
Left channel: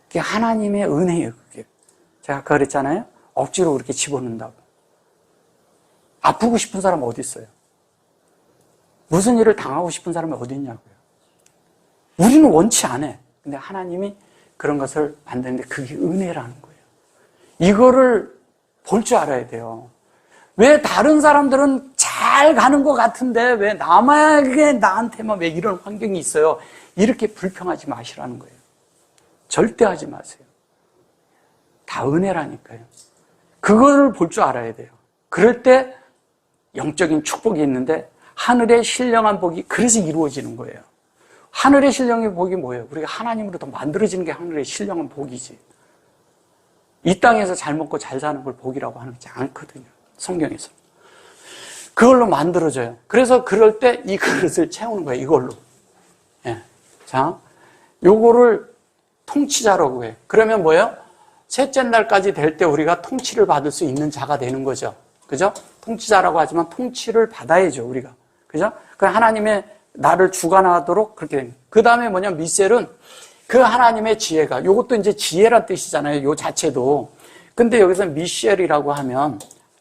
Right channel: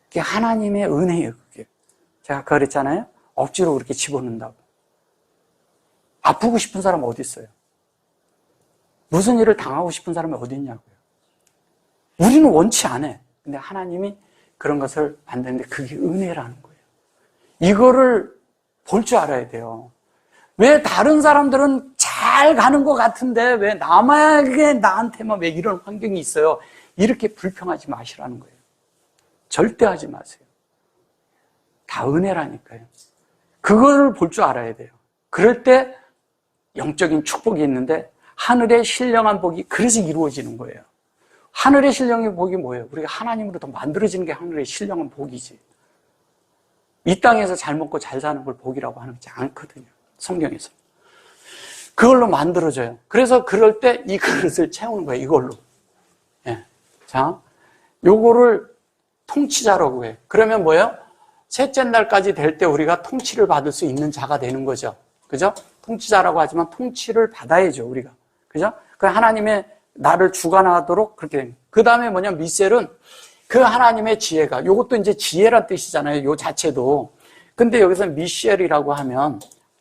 그게 하나님의 은혜예요, 그게. 제가 아까 그랬잖아요. 억지로 그렇게 집어넣는다고. 아프고 싶은 사람 어디 있어요? 무슨 일을 당하고 싶은 사람이 어디 있냐고요. 우리는 원치 않아. 근데 하나님이 그런 것을 만드는데 그게 은혜라는 거예요. 이거를 볼 줄 알아야 돼요. 왜 다른 사람들은 잘 가는 것 같은데 왜 나한테만 왜 이런 환경이 있어요? 이렇게 불평하지 마시라는 거예요. 절대 하지 마세요. 다 은혜라니까요. 그거를 볼 줄 알아야 돼요. 그럴 때 영적인 축복이 있는데 하늘의 신령한 복이 그래서 이루어지는 거예요. 하늘의 신령한 복이 뭐예요? 우리가 하나님으로부터 만들어지는 게 하늘의 신령한 복이지. 이 땅에서 잘 먹고 잘 사는 걸 복이라고 하지 않거든요. 성경에서. 그걸로 만들어져요. 그래서 그럴 때 이 그릇을 채우는 거예요. 이걸로. 예. 자, 요거를 통치자라고 해요. 그러면 뭐예요? 셋째 날까지 될 때 우리가 통치를 받을 수 있는 자가 되는 거죠. 그죠? 통치자라고 하지만 통치를 받아야죠, 우리가. 그죠? 그 하나님의 나를 주관하도록 그렇게 됩니다. 그 다음에 뭐냐, 미셀은 그 하나님의 지혜가, 이것도 이제 지혜란 뜻이잖아요. 요 자체도. 근데 여기서 미셸이라고 하면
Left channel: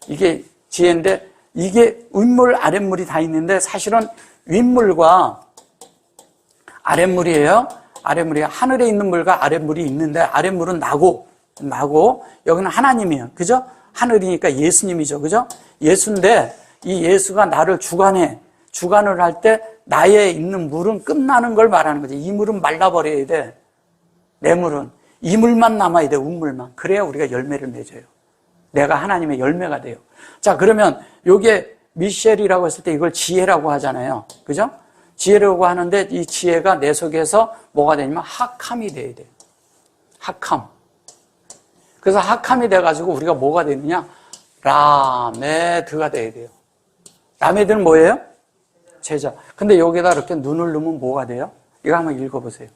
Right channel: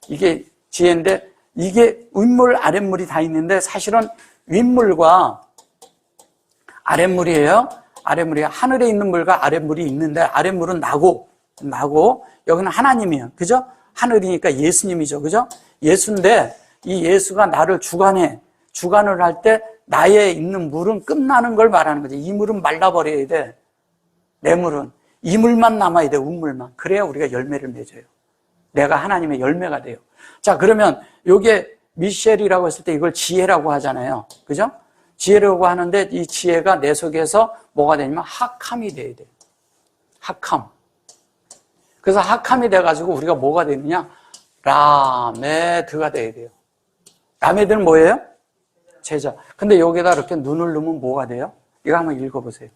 이게 지혜인데 이게 윗물, 아랫물이 다 있는데 사실은 윗물과 아랫물이에요. 아랫물이 하늘에 있는 물과 아랫물이 있는데 아랫물은 나고 여기는 하나님이에요. 그죠? 하늘이니까 예수님이죠. 그죠? 예수인데 이 예수가 나를 주관을 할 때 나에 있는 물은 끝나는 걸 말하는 거지. 이 물은 말라버려야 돼. 내 물은. 이 물만 남아야 돼. 운물만. 그래야 우리가 열매를 맺어요. 내가 하나님의 열매가 돼요. 자, 그러면 요게 미셸이라고 했을 때 이걸 지혜라고 하잖아요. 그죠? 지혜라고 하는데 이 지혜가 내 속에서 뭐가 되냐면 학함이 돼야 돼요. 학함. 그래서 학함이 돼가지고 우리가 뭐가 되느냐? 라메드가 돼야 돼요. 라메드는 뭐예요? 제자. 근데 여기다 이렇게 눈을 넣으면 뭐가 돼요? 이거 한번 읽어보세요.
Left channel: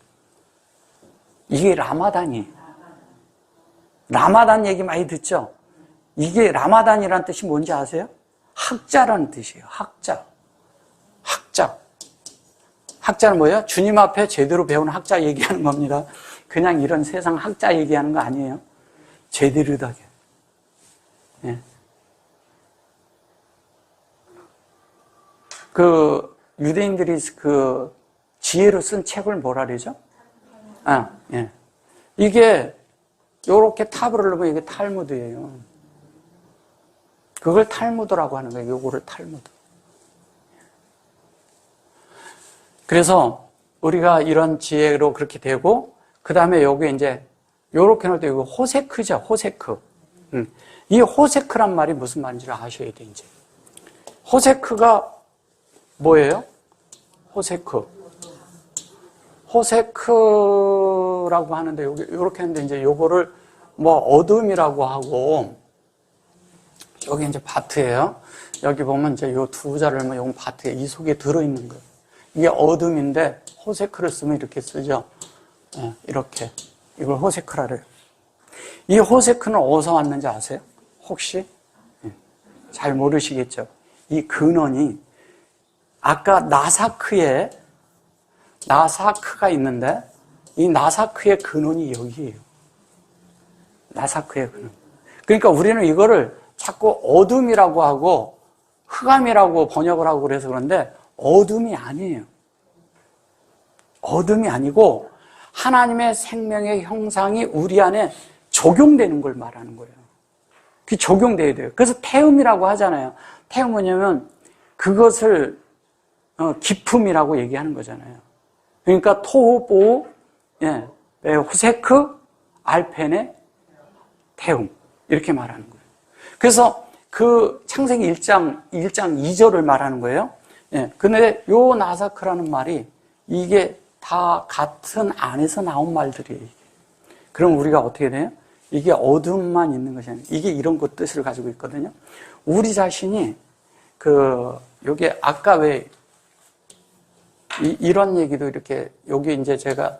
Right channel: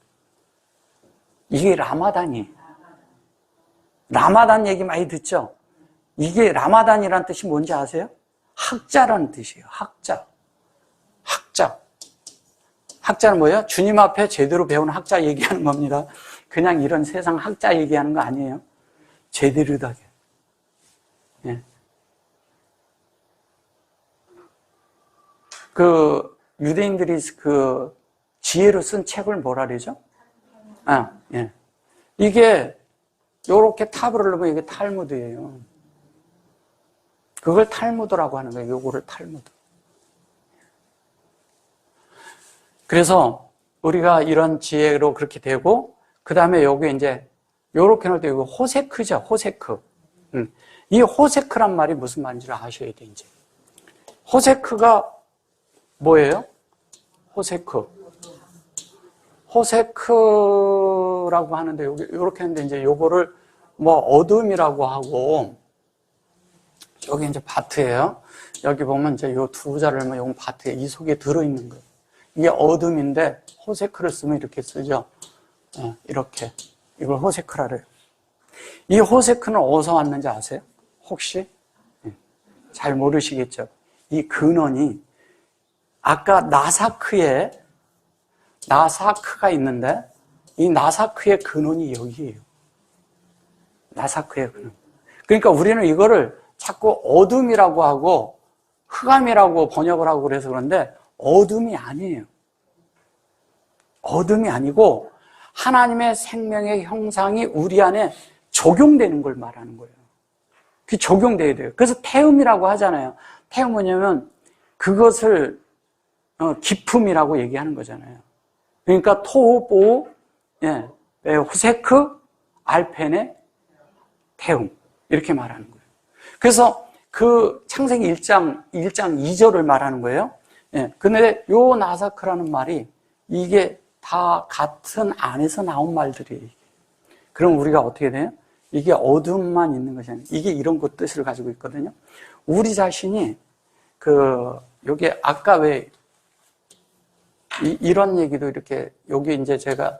이게 라마단이에요. 라마단 얘기 많이 듣죠? 이게 라마단이라는 뜻이 뭔지 아세요? 학자라는 뜻이에요. 학자. 학자는 뭐예요? 주님 앞에 제대로 배운 학자 얘기하는 겁니다. 그냥 이런 세상 학자 얘기하는 거 아니에요. 제대로 하게. 예. 그 유대인들이 그 지혜로 쓴 책을 뭐라 그러죠? 예. 이게 요렇게 탑을 넣으면 이게 탈무드예요. 그걸 탈무드라고 하는 거예요. 요거를 탈무드. 그래서 우리가 이런 지혜로 그렇게 되고 그 다음에 여기 이제 요렇게 놓을 때 이거 호세크죠. 호세크. 이 호세크란 말이 무슨 말인지를 아셔야 돼 이제. 호세크가 뭐예요? 호세크라고 하는데 요렇게 하는데 이제 요거를 뭐 어둠이라고 하고 여기 이제 바트예요. 여기 보면 이제 요 두 자를 뭐 용 바트에 이 속에 들어있는 거. 이게 어둠인데 호세크를 쓰면 이렇게 쓰죠. 이렇게. 이걸 호세크라 그래요. 이 호세크는 어디서 왔는지 아세요? 혹시? 잘 모르시겠죠? 이 근원이 아까 나사크가 있는데 이 나사크의 근원이 여기예요. 나사크의 근원. 그러니까 우리는 이거를 자꾸 어둠이라고 하고 흑암이라고 번역을 하고 그래서 그런데 어둠이 아니에요. 어둠이 아니고 하나님의 생명의 형상이 우리 안에 적용되는 걸 말하는 거예요. 그게 적용돼야 돼요. 그래서 태음이라고 하잖아요. 태음은 뭐냐면 그것을 기품이라고 얘기하는 거잖아요. 그러니까 토보, 호세크, 알펜의 태음 이렇게 말하는 거예요. 그래서 그 창세기 1장 2절을 말하는 거예요. 근데 요 나사크라는 말이 이게 다 같은 안에서 나온 말들이에요. 그럼 우리가 어떻게 돼요? 이게 어둠만 있는 것이 아니에요. 이게 이런 것 뜻을 가지고 있거든요. 우리 자신이 여기 아까 왜 이런 얘기도 이렇게 여기 이제 제가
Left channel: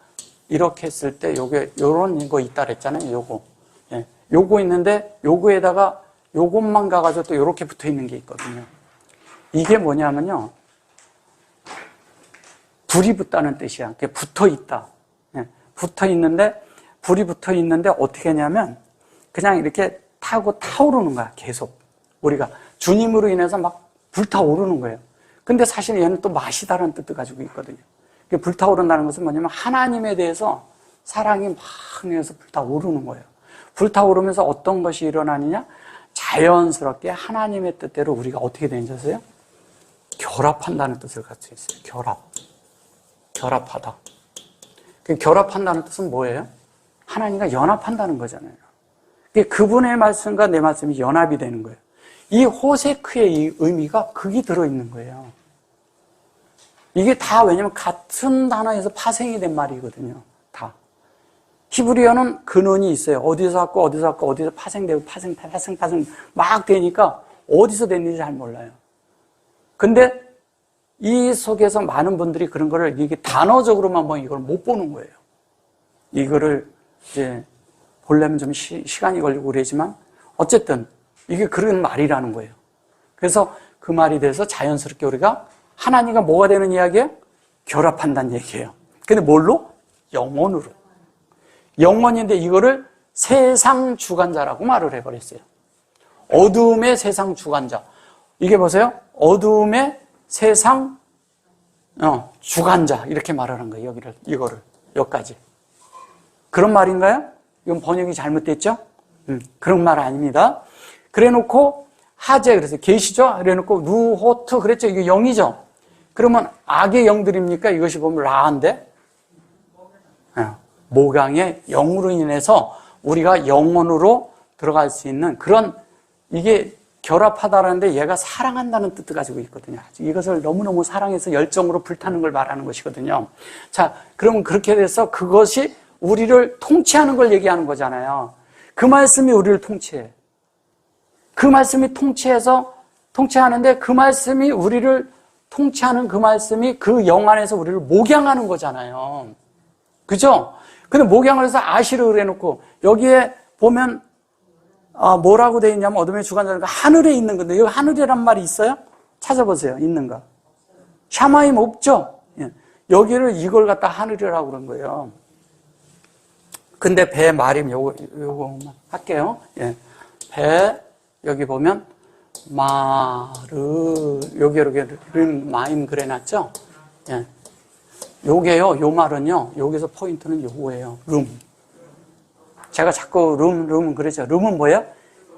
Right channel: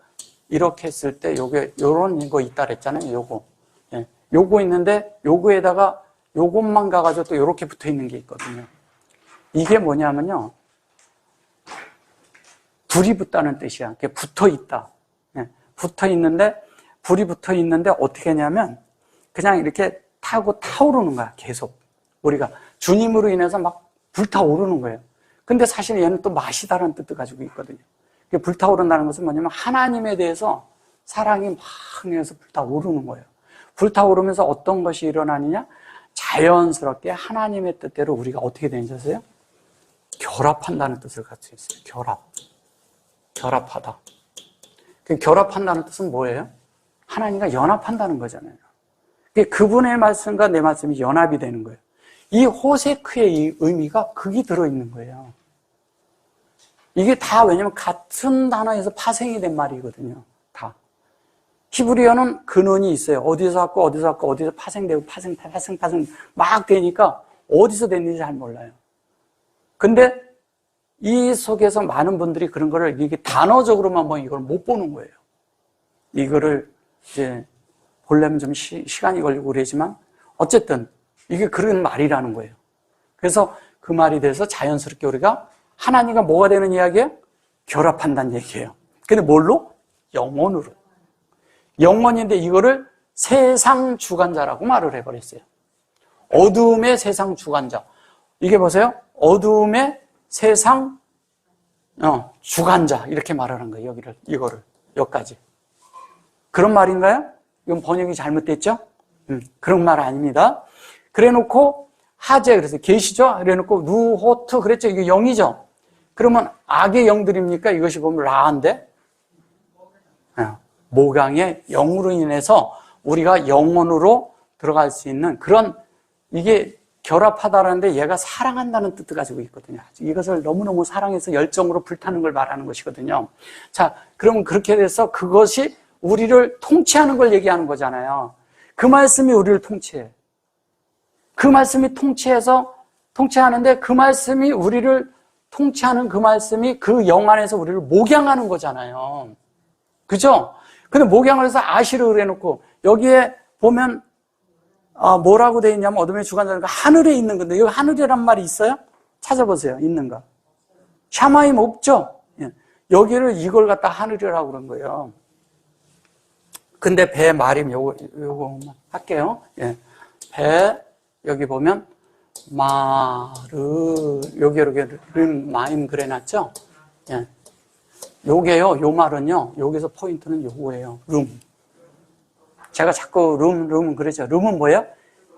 이렇게 했을 때 요런 거 있다 그랬잖아요. 요거 있는데 요거에다가 요것만 가가지고 또 요렇게 붙어 있는 게 있거든요. 이게 뭐냐면요. 불이 붙다는 뜻이야. 그게 붙어 있다. 붙어 있는데 불이 붙어 있는데 어떻게 하냐면 그냥 이렇게 타고 타오르는 거야. 계속 우리가 주님으로 인해서 막 불타오르는 거예요. 근데 사실 얘는 또 마시다라는 뜻도 가지고 있거든요. 불타오른다는 것은 뭐냐면 하나님에 대해서 사랑이 막 내서 불타오르는 거예요. 불타오르면서 어떤 것이 일어나느냐? 자연스럽게 하나님의 뜻대로 우리가 어떻게 되는지 아세요? 결합한다는 뜻을 가지고 있어요. 결합하다. 결합한다는 뜻은 뭐예요? 하나님과 연합한다는 거잖아요. 그분의 말씀과 내 말씀이 연합이 되는 거예요. 이 호세크의 이 의미가 거기 들어있는 거예요. 이게 다 왜냐면 같은 단어에서 파생이 된 말이거든요. 다. 히브리어는 근원이 있어요. 어디서 왔고 어디서 파생되고 파생 막 되니까 어디서 됐는지 잘 몰라요. 근데 이 속에서 많은 분들이 그런 거를 이게 단어적으로만 보면 이걸 못 보는 거예요. 이거를 이제 보려면 좀 시간이 걸리고 그러지만 어쨌든 이게 그런 말이라는 거예요. 그래서 그 말이 돼서 자연스럽게 우리가 하나님과 뭐가 되는 이야기예요? 결합한다는 얘기예요. 근데 뭘로? 영혼으로. 영원인데 이거를 세상 주관자라고 말을 해버렸어요. 어두움의 세상 주관자. 이게 보세요. 어두움의 세상 주관자 이렇게 말하는 거예요. 이거를 여기까지. 그런 말인가요? 이건 번역이 잘못됐죠? 그런 말 아닙니다. 그래놓고 하제 그래서 계시죠? 그래놓고 루호트 그랬죠? 이게 영이죠? 그러면 악의 영들입니까? 이것이 보면 라인데 모강의 영으로 인해서 우리가 영혼으로 들어갈 수 있는 그런 이게 결합하다라는데 얘가 사랑한다는 뜻을 가지고 있거든요. 이것을 너무너무 사랑해서 열정으로 불타는 걸 말하는 것이거든요. 자, 그럼 그렇게 돼서 그것이 우리를 통치하는 걸 얘기하는 거잖아요. 그 말씀이 우리를 통치해. 그 말씀이 통치하는데 그 말씀이 우리를 통치하는 그 말씀이 그 영 안에서 우리를 목양하는 거잖아요. 그죠? 근데 목양을 해서 아시를 그래놓고 여기에 보면 뭐라고 되어 있냐면 어둠의 주관자니까 하늘에 있는 건데 여기 하늘이란 말이 있어요? 찾아보세요. 있는 거. 샤마임 없죠? 예. 여기를 이걸 갖다 하늘이라고 그런 거예요. 근데 배 말임 요거만 할게요. 예. 배 여기 보면 마르 여기 이렇게 마임 그래놨죠? 예. 요게요. 요 말은요. 여기서 포인트는 요거예요. 룸. 제가 자꾸 룸 그러죠. 룸은 뭐예요?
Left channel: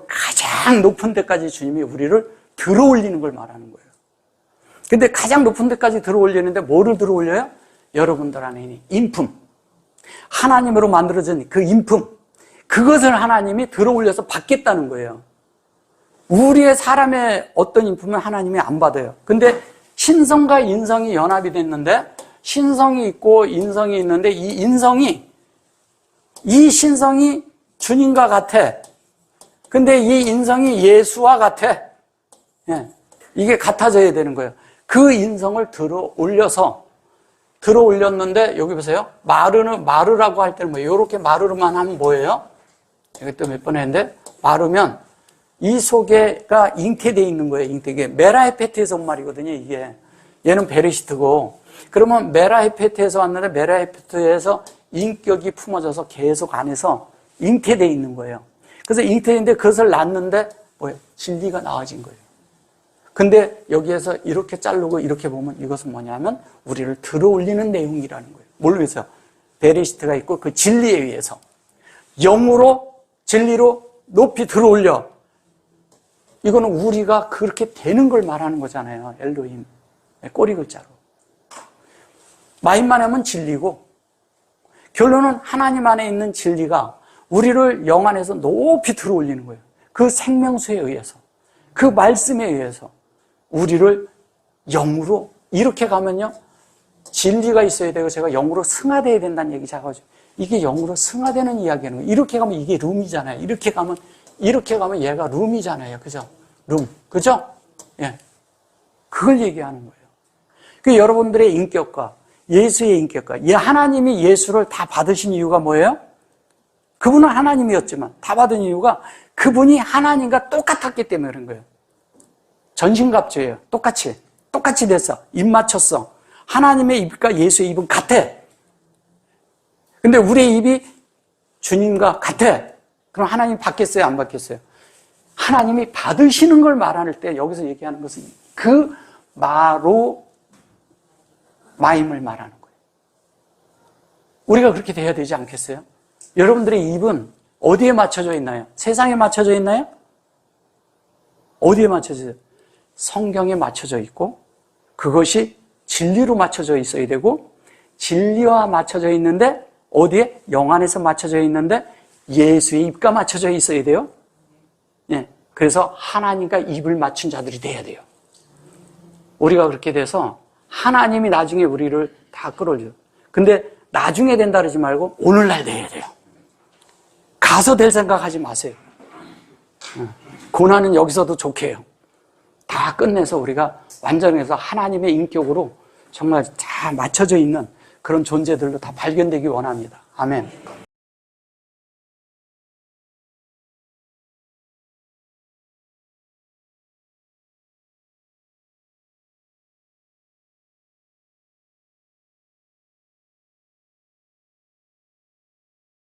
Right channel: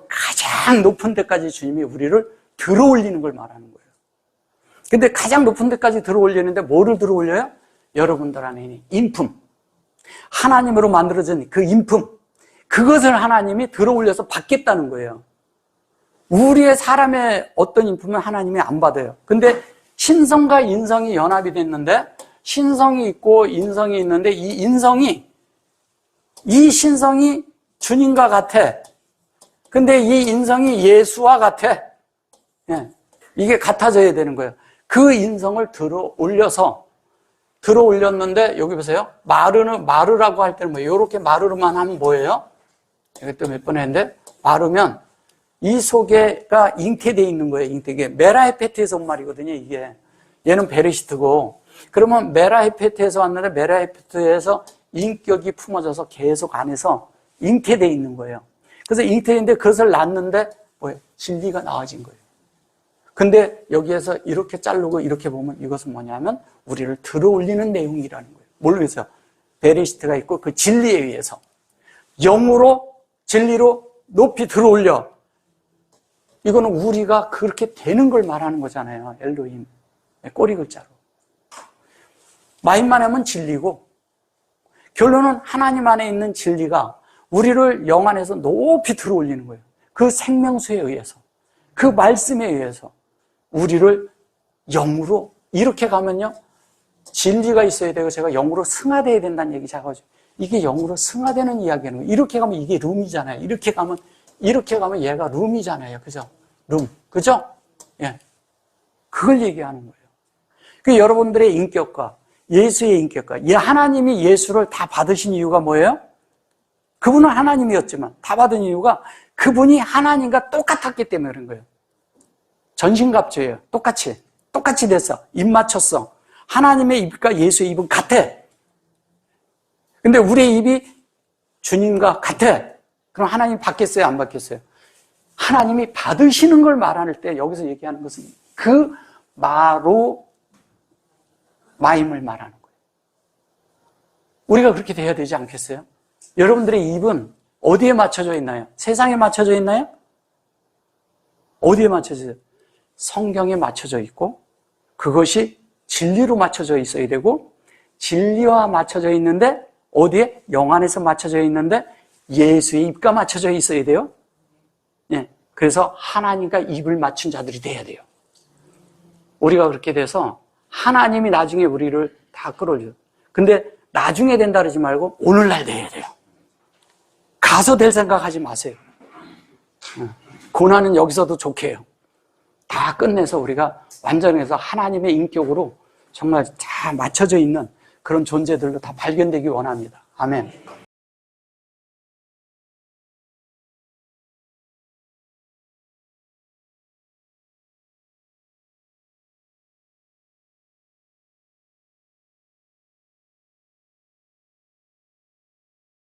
가장 높은 데까지 주님이 우리를 들어올리는 걸 말하는 거예요. 근데 가장 높은 데까지 들어올리는데 뭐를 들어올려요? 여러분들 안에 있는 인품. 하나님으로 만들어진 그 인품. 그것을 하나님이 들어올려서 받겠다는 거예요. 우리의 사람의 어떤 인품은 하나님이 안 받아요. 근데 신성과 인성이 연합이 됐는데 신성이 있고 인성이 있는데 이 신성이 주님과 같아. 근데 이 인성이 예수와 같아. 예, 이게 같아져야 되는 거예요. 그 인성을 들어올렸는데 여기 보세요. 마르라고 할 때는 뭐예요? 이렇게 마르르만 하면 뭐예요? 이것도 몇 번 했는데 마르면 이 속에가 잉태되어 있는 거예요. 잉태게 메라헤페트에서 온 말이거든요. 이게 얘는 베레시트고 그러면 메라헤페트에서 왔는데 메라헤페트에서 인격이 품어져서 계속 안에서 잉태되어 있는 거예요. 그래서 잉태인데 그것을 낳는데 뭐예요? 진리가 나와진 거예요. 근데 여기에서 이렇게 자르고 이렇게 보면 이것은 뭐냐면 우리를 들어올리는 내용이라는 거예요. 모르겠어요. 베레시트가 있고 그 진리에 의해서 영으로 진리로 높이 들어올려. 이거는 우리가 그렇게 되는 걸 말하는 거잖아요. 엘로힘 꼬리 글자로. 마임만 하면 진리고 결론은 하나님 안에 있는 진리가 우리를 영 안에서 높이 들어올리는 거예요. 그 생명수에 의해서 그 말씀에 의해서 우리를 영으로 이렇게 가면요. 진리가 있어야 되고 제가 영으로 승화되어야 된다는 얘기 작아져. 이게 영으로 승화되는 이야기는 거예요. 이렇게 가면 이게 룸이잖아요. 이렇게 가면 얘가 룸이잖아요. 그죠? 룸. 그죠? 예. 그걸 얘기하는 거예요. 그 여러분들의 인격과 예수의 인격과 하나님이 예수를 다 받으신 이유가 뭐예요? 그분은 하나님이었지만 다 받은 이유가 그분이 하나님과 똑같았기 때문에 그런 거예요. 전신갑주예요. 똑같이 됐어. 입 맞췄어. 하나님의 입과 예수의 입은 같아. 근데 우리의 입이 주님과 같아. 그럼 하나님 받겠어요? 안 받겠어요? 하나님이 받으시는 걸 말할 때 여기서 얘기하는 것은 그 마임을 말하는 거예요. 우리가 그렇게 돼야 되지 않겠어요? 여러분들의 입은 어디에 맞춰져 있나요? 세상에 맞춰져 있나요? 어디에 맞춰져 있어요? 성경에 맞춰져 있고 그것이 진리로 맞춰져 있어야 되고 진리와 맞춰져 있는데 어디에? 영 안에서 맞춰져 있는데 예수의 입과 맞춰져 있어야 돼요. 예, 그래서 하나님과 입을 맞춘 자들이 돼야 돼요. 우리가 그렇게 돼서 하나님이 나중에 우리를 다 끌어줘요. 근데 나중에 된다 그러지 말고 오늘날 돼야 돼요. 가서 될 생각하지 마세요. 고난은 여기서도 좋게 해요. 다 끝내서 우리가 완전해서 하나님의 인격으로 정말 잘 맞춰져 있는 그런 존재들로 다 발견되기 원합니다. 아멘.